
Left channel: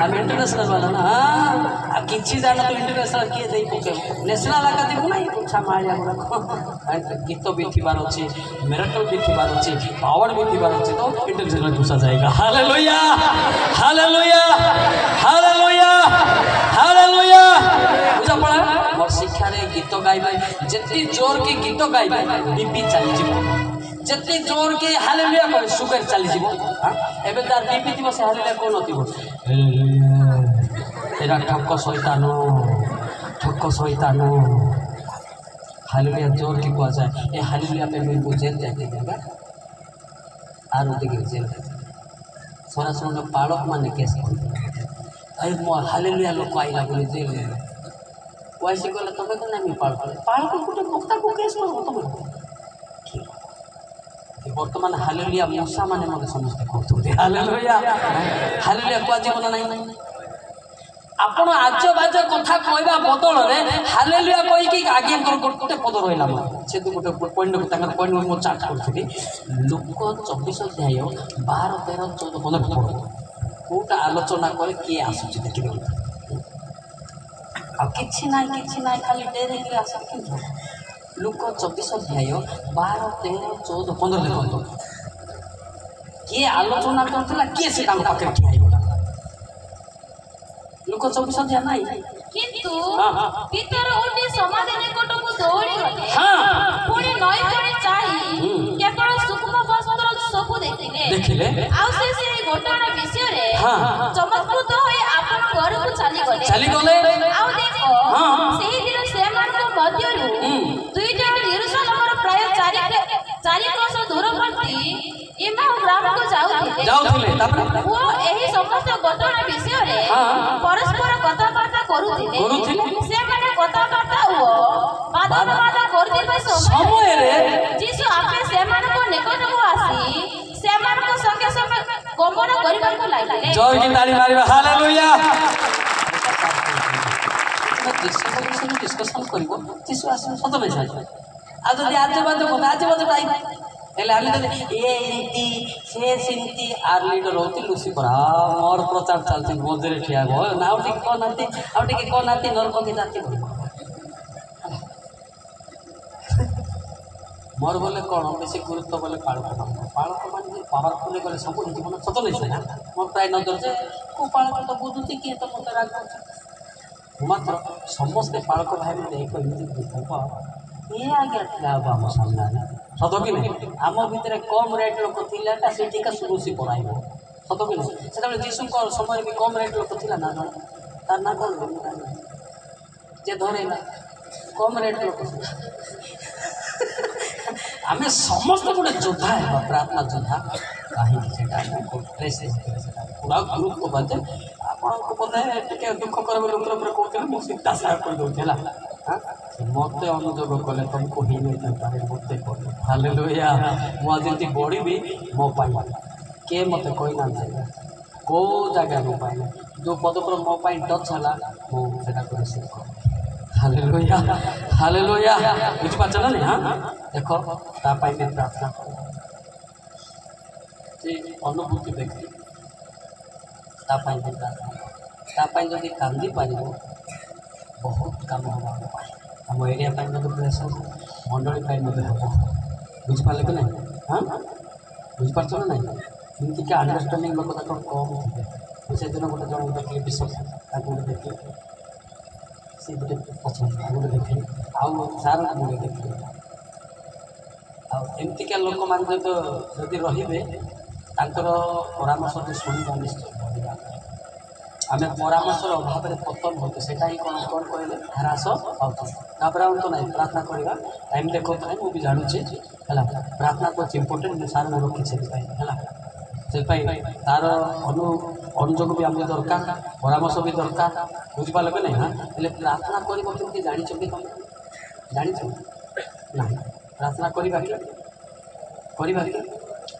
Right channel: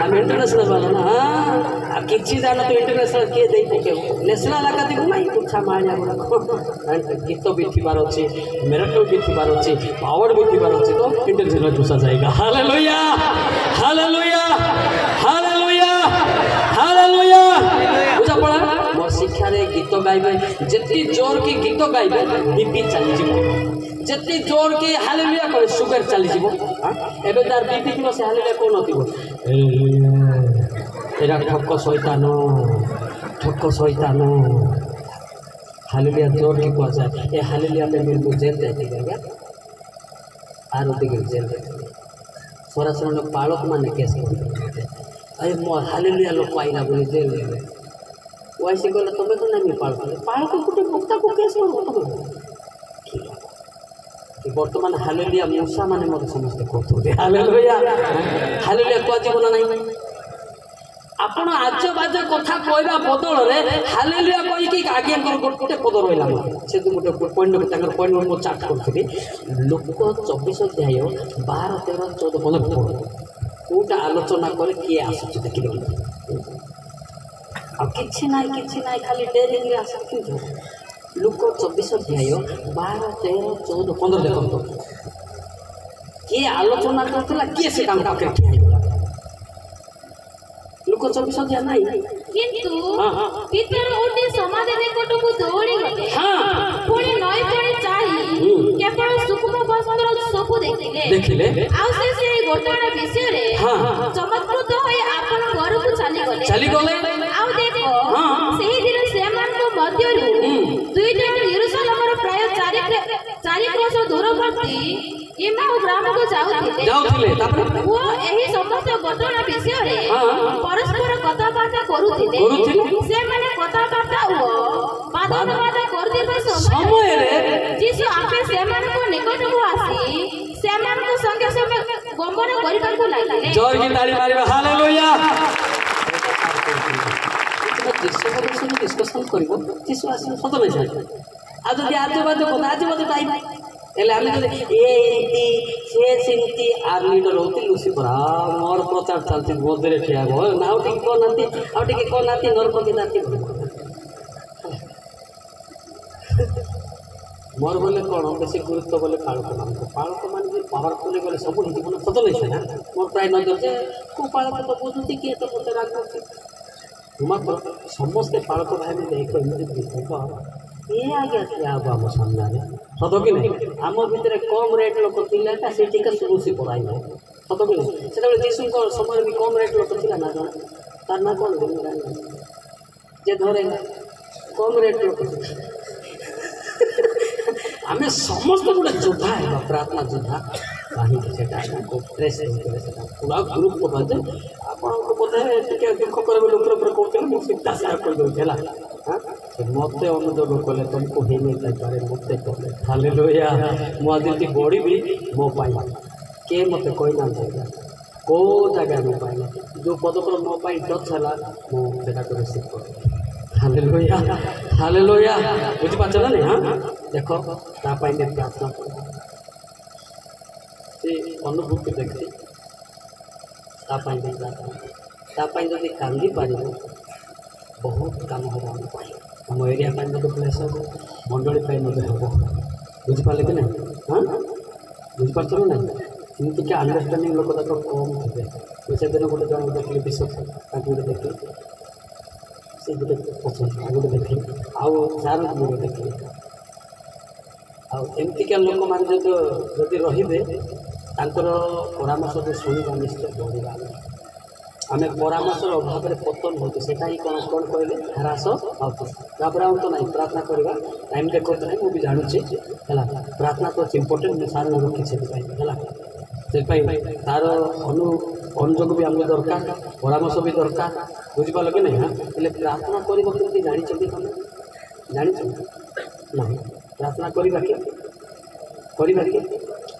हम इंटरनेशनल वाला ना आ किछि जानो तो इंटरनेशनल के देई पके नेशनल आका दिबु नाही कुछा माया गुडा गीत भी थिबार अछि मिरेकल भी थिबार अछि पावर भी थिबार अछि तो इंटरनेशनल घुसा जाएगा हालेलुया हालेलुया हालेलुया हालेलुया बुझा पड़ा मोर शिक्षा रे गीत गाइबे जेति जोर के गीत गाइबे बीपी चली जिवो जेति जोर के हालेलुया कहे सुगर चली जिवो एबे तार बीपी दिवो से हालेलुया कोन होतिबो एरा ठक्क शैतान हालेलुया जोर के कुआ जाए ए हालेलुया पे मेरे को जेल जाके जाएगा आरो दिगे जेल सोरा सोरा पालक माने केस अरे मो हालेलुया लोक आइला बोले जेल ले वैसे कहले तबे तो नामी पालक गुटे भक्ता को केस लो तबे कि वर्तमान हालेलुया मूसा माने मते समस्त कहथुते हालेलुया हालेलुया कुआ जीवन नहीं आपण आज बाज कथा कहवा बदल रे हालेलुया कहि कि आगे गोटे पद रहिला से तो गोटे पॉइंट तांगर पॉइंट मो चार्ट करथि लोक 24 अध्याय 12 13 14 15 पद कोटा आलोचना करे के आसुची देखिबे आ किछि नाही खाली डेरिंग रे आसे कि लोक 24 अध्याय 12 13 14 15 देखो के आलोचना करथिला के से काम पके ठिया लोक 24 अध्याय नाही किंतु पितर उठी समाधि निकटକୁ ଦୌଡ଼ି ଗଲେ ପୁଣି ନଈ ପାଣି ଚାହିଁ କେବଳ ସୁକୁମ ବସ୍ତ୍ର ସବୁ ଦେଖିଲେ ଆଉ ସେ ସେହି ଘଟଣା ବିଷୟରେ ଚମତ୍କୃତ ହୋଇ ଆପଣ ଘରକୁ ଚାଲିଗଲେ ଆଉ ଦେଖ ସେହି ଦିନ ସେମାନଙ୍କ ମଧ୍ୟରୁ ଦୁଇ ଜଣ ଯେରୁସାଲେମର ପ୍ରାୟ 4 କ୍ରୋଶ ଦୂରବର୍ତ୍ତୀ ଏମାଉ ଗ୍ରାମକୁ ଯାଉଥିଲେ ଓ ଏହି ସମସ୍ତ ଘଟଣା ବିଷୟରେ ପରସ୍ପର କଥାବାର୍ତ୍ତା କରୁଥିଲେ ସେମାନେ କଥାବାର୍ତ୍ତା ଓ ବାଦବାଦ କରୁଥିବା ସମୟରେ ଯୀଶୁ ଆପେ ସେମାନଙ୍କ ନିକଟକୁ ଆସି ସେମାନଙ୍କ ସଙ୍ଗେ ସଙ୍ଗେ ଗମନ କରିବାକୁ ଲାଗିଲେ ଜୟ କି ତାଳି ମାରିବା ହାଲେଲୁୟା ଯୀଶୁ ବିଷୟରେ ଡିସ୍କସନ କରିବ ଯୀଶୁ ଆସିବ ସତ ନାହିଁ ଆଉ ଯଦି ଆଜବାଜ ଟାଇମ୍ ହେଲେ ଆମେ ଯଦି ଏମିତି ସେ ସେମିତି ଆର୍ ଲିଡର ହଉଛି ଲୁସିଫର ମୋର ପ୍ରଚାର ଚାଲିଛି ମଝିରେ ଠିଆ ହବ ନା ଆଉ ଟିକେ କହୁନାହାନ୍ତି ନରପତି ଜାତି ମୋର ବୋଲେ କ'ଣ ବେଶୀ ଗୁରୁତ୍ୱ ବୋଲେ ପାଳକ ମାନେ ଯେ ପାୱାରଫୁଲ୍ ଗଲେ ସବୁ ହେଇଯିବ ନା ସତ ନାହିଁ ନା ମୋର ପ୍ରାୟ ନଜର ଯେ କେଉଁ ପାଳକ ତ ବୁଝୁଛି କିଏ ତ ମୋତେ ରାଗ କରୁଛି ମାତ୍ର ସମସ୍ତେ ପାଳକ ଭାଇ ଦେଖ ଏମିତି ହବ ये आगे क्या अब हम सामने सत कि नहीं आम भितर कम रेट लोक था से टीका सुरुसी पढ़ाई सत कि नहीं से जीशु समय भी कम रेट लोक था ना जन तार ना कौन जे धरे कम रेट लोक आम समस्त गोटे योद्धा है प्रार्थना योद्धा कहीं पूरा गुरुत्व बाजे आपको बोधे टे दुख कर कहते मुझे सीधा सार कर मत अनुजोग कले तुमको ही नहीं पारे मत कले हालेलुया मुझे बढ़ी मो किए मत कही ना कौ जगह मो पाइल जो पदक मो टच है मुझे रिसीव कर हालेलुया हालेलुया बुझीपार ना नहीं हाँ देख तापाई भी प्रार्थना कर अनुभूति व्यक्ति तापाई भी प्रार्थना तापाई जब कांदी पार बहुत काम होगा आम एरिया प्लेस हम मंडली हम बुझीपारे कि नहीं हाँ बुझीपार ना नहीं एमती क्या अंडरस्टांडिंग लोक तक कम थे से दिन गोटे जन देखिए विश्व गोटे देखिए से गोटे पसंद गोटे देखिए आउ सार गोटे देखिए आमतिका लोक मैंने जब रे परामर्श जो शुणा निश्चय बढ़ा आम परामर्श अभाव में पतन होते से कौन कौन कहले ह्रास पाऊँ तो नहीं प्रार्थना करवा टाइम देखो ना मुझे जानुचे है प्रार्थना तो इम्पोर्टेंट सार रखी से तार अनुजोग भी आमको दरकार परामर्श भी दरकार बुझीपार कि नहीं हाँ हेल्ले प्रार्थना करके जानी तुम जानी ना प्रार्थना करवा कि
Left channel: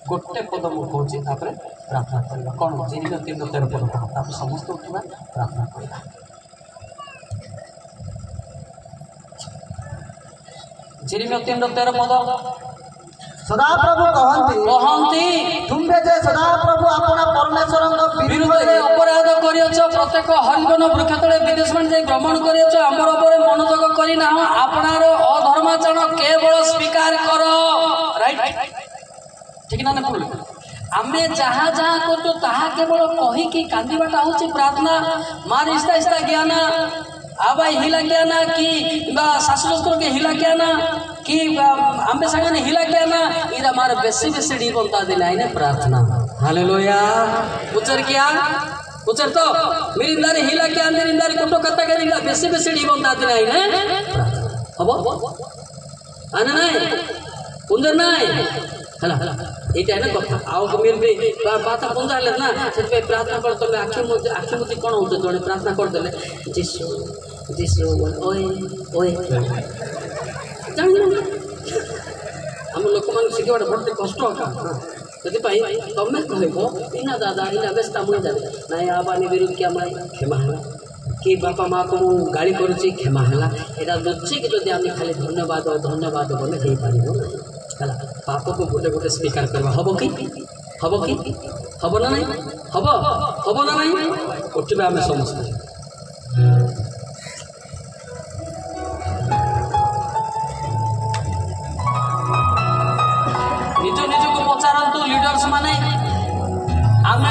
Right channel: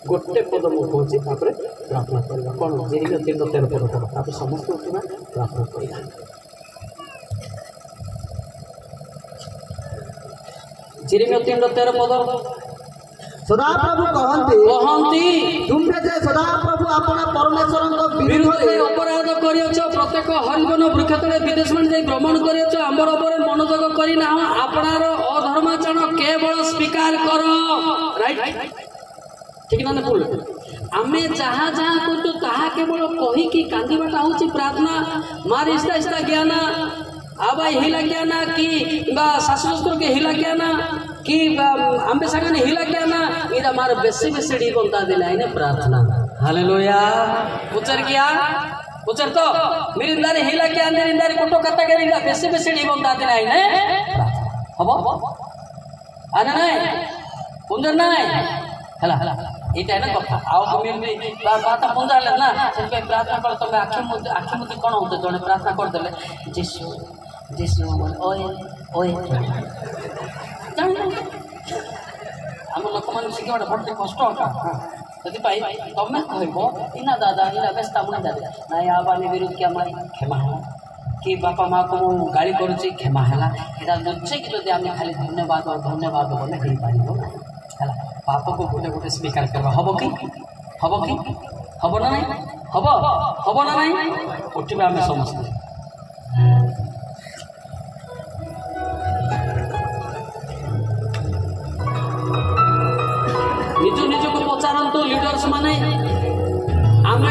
गोटे पद मुझे प्रार्थना करवा कौन जीर्ण 3:13 पद पढ़ समस्त उठा प्रार्थना करवा ଯେରେମିୟା 3:13 ପଦ ସଦାପ୍ରଭୁ କହନ୍ତି ତୁମେ ଯେ ସଦାପ୍ରଭୁ ଆପଣ ପରମେଶ୍ୱରଙ୍କ ବିରୁଦ୍ଧରେ ଅପରାଧ କରିଅଛ, ପ୍ରତ୍ୟେକ ହରିବନ ବୃକ୍ଷ ତଳେ ବିଦେଶମାନେ ଯାଇ ଭ୍ରମଣ କରିଅଛ, ଆମ୍ବର ଉପରେ ମନୋଯୋଗ କରିନାହ, ଆପଣାର ଅଧର୍ମାଚରଣ କେବଳ ସ୍ୱୀକାର କର। ରାଇଟ୍, ଠିକ ନା ଭୁଲ? ଆମେ ଯାହା ଯାହା କରୁଛୁ ତାହା କେବଳ କହିକି କାନ୍ଦିବାଟା ହଉଛି ପ୍ରାର୍ଥନା। ମାର ଇସ୍ତା ଇସ୍ତା ଜ୍ଞାନ आबाई हिला क्या ना कि शाशु शस्त्र के हिला क्या ना कि अंबे सागने हिला क्या ना इधर हमारे बेसी बेसी डी बनता दिला है ना प्रार्थना। हालेलुया। उच्चर किया उच्चर तो मेरी इंदार हिला क्या अंदर इंदार कुटो कत्ता के इंदार बेसी बेसी डी बनता दिला है ना प्रार्थना। हबो आना नहीं पुंजर नहीं हला এইটা না কথা ଆଉ କେମିତି ବାର୍ତ୍ତା ପଞ୍ଜାଲେ ନା ସେଥିପାଇଁ ପ୍ରାର୍ଥନା କର। ତମେ ଆଖି ମୁଦି କ'ଣ ହଉଛ ଜଣେ ପ୍ରାର୍ଥନା କରିଦେଲେ ଯୀଶୁ ଯୀଶୁ ଓଏ ଓଏ ଜାଣିଲ ଆମ ଲୋକମାନଙ୍କୁ ଶିଖିବାଟା ବଡ଼ କଷ୍ଟ ଏକା। ସେଥିପାଇଁ ତମେ କହିବ ଇନା ଦାଦା ଇନା ବେଶ ମୁଇଁ ଜାଣେ ନାଇଁ ଆବାନି ବିରୁଦ୍ଧ କିଆ ମାଇ କ୍ଷମା ହେଲା कि बापा माँ को मु गाड़ी करुच्ची क्षमा है यहाँ लुचे कि जब आम खाली धन्यवाद बोले हो पार ना है पाप को गोटे गोटे स्वीकार करवा हम कि हम ना नहीं हम ना नहीं उठा आम समस्ते निज निज को पचारतु लीडर्स माने आम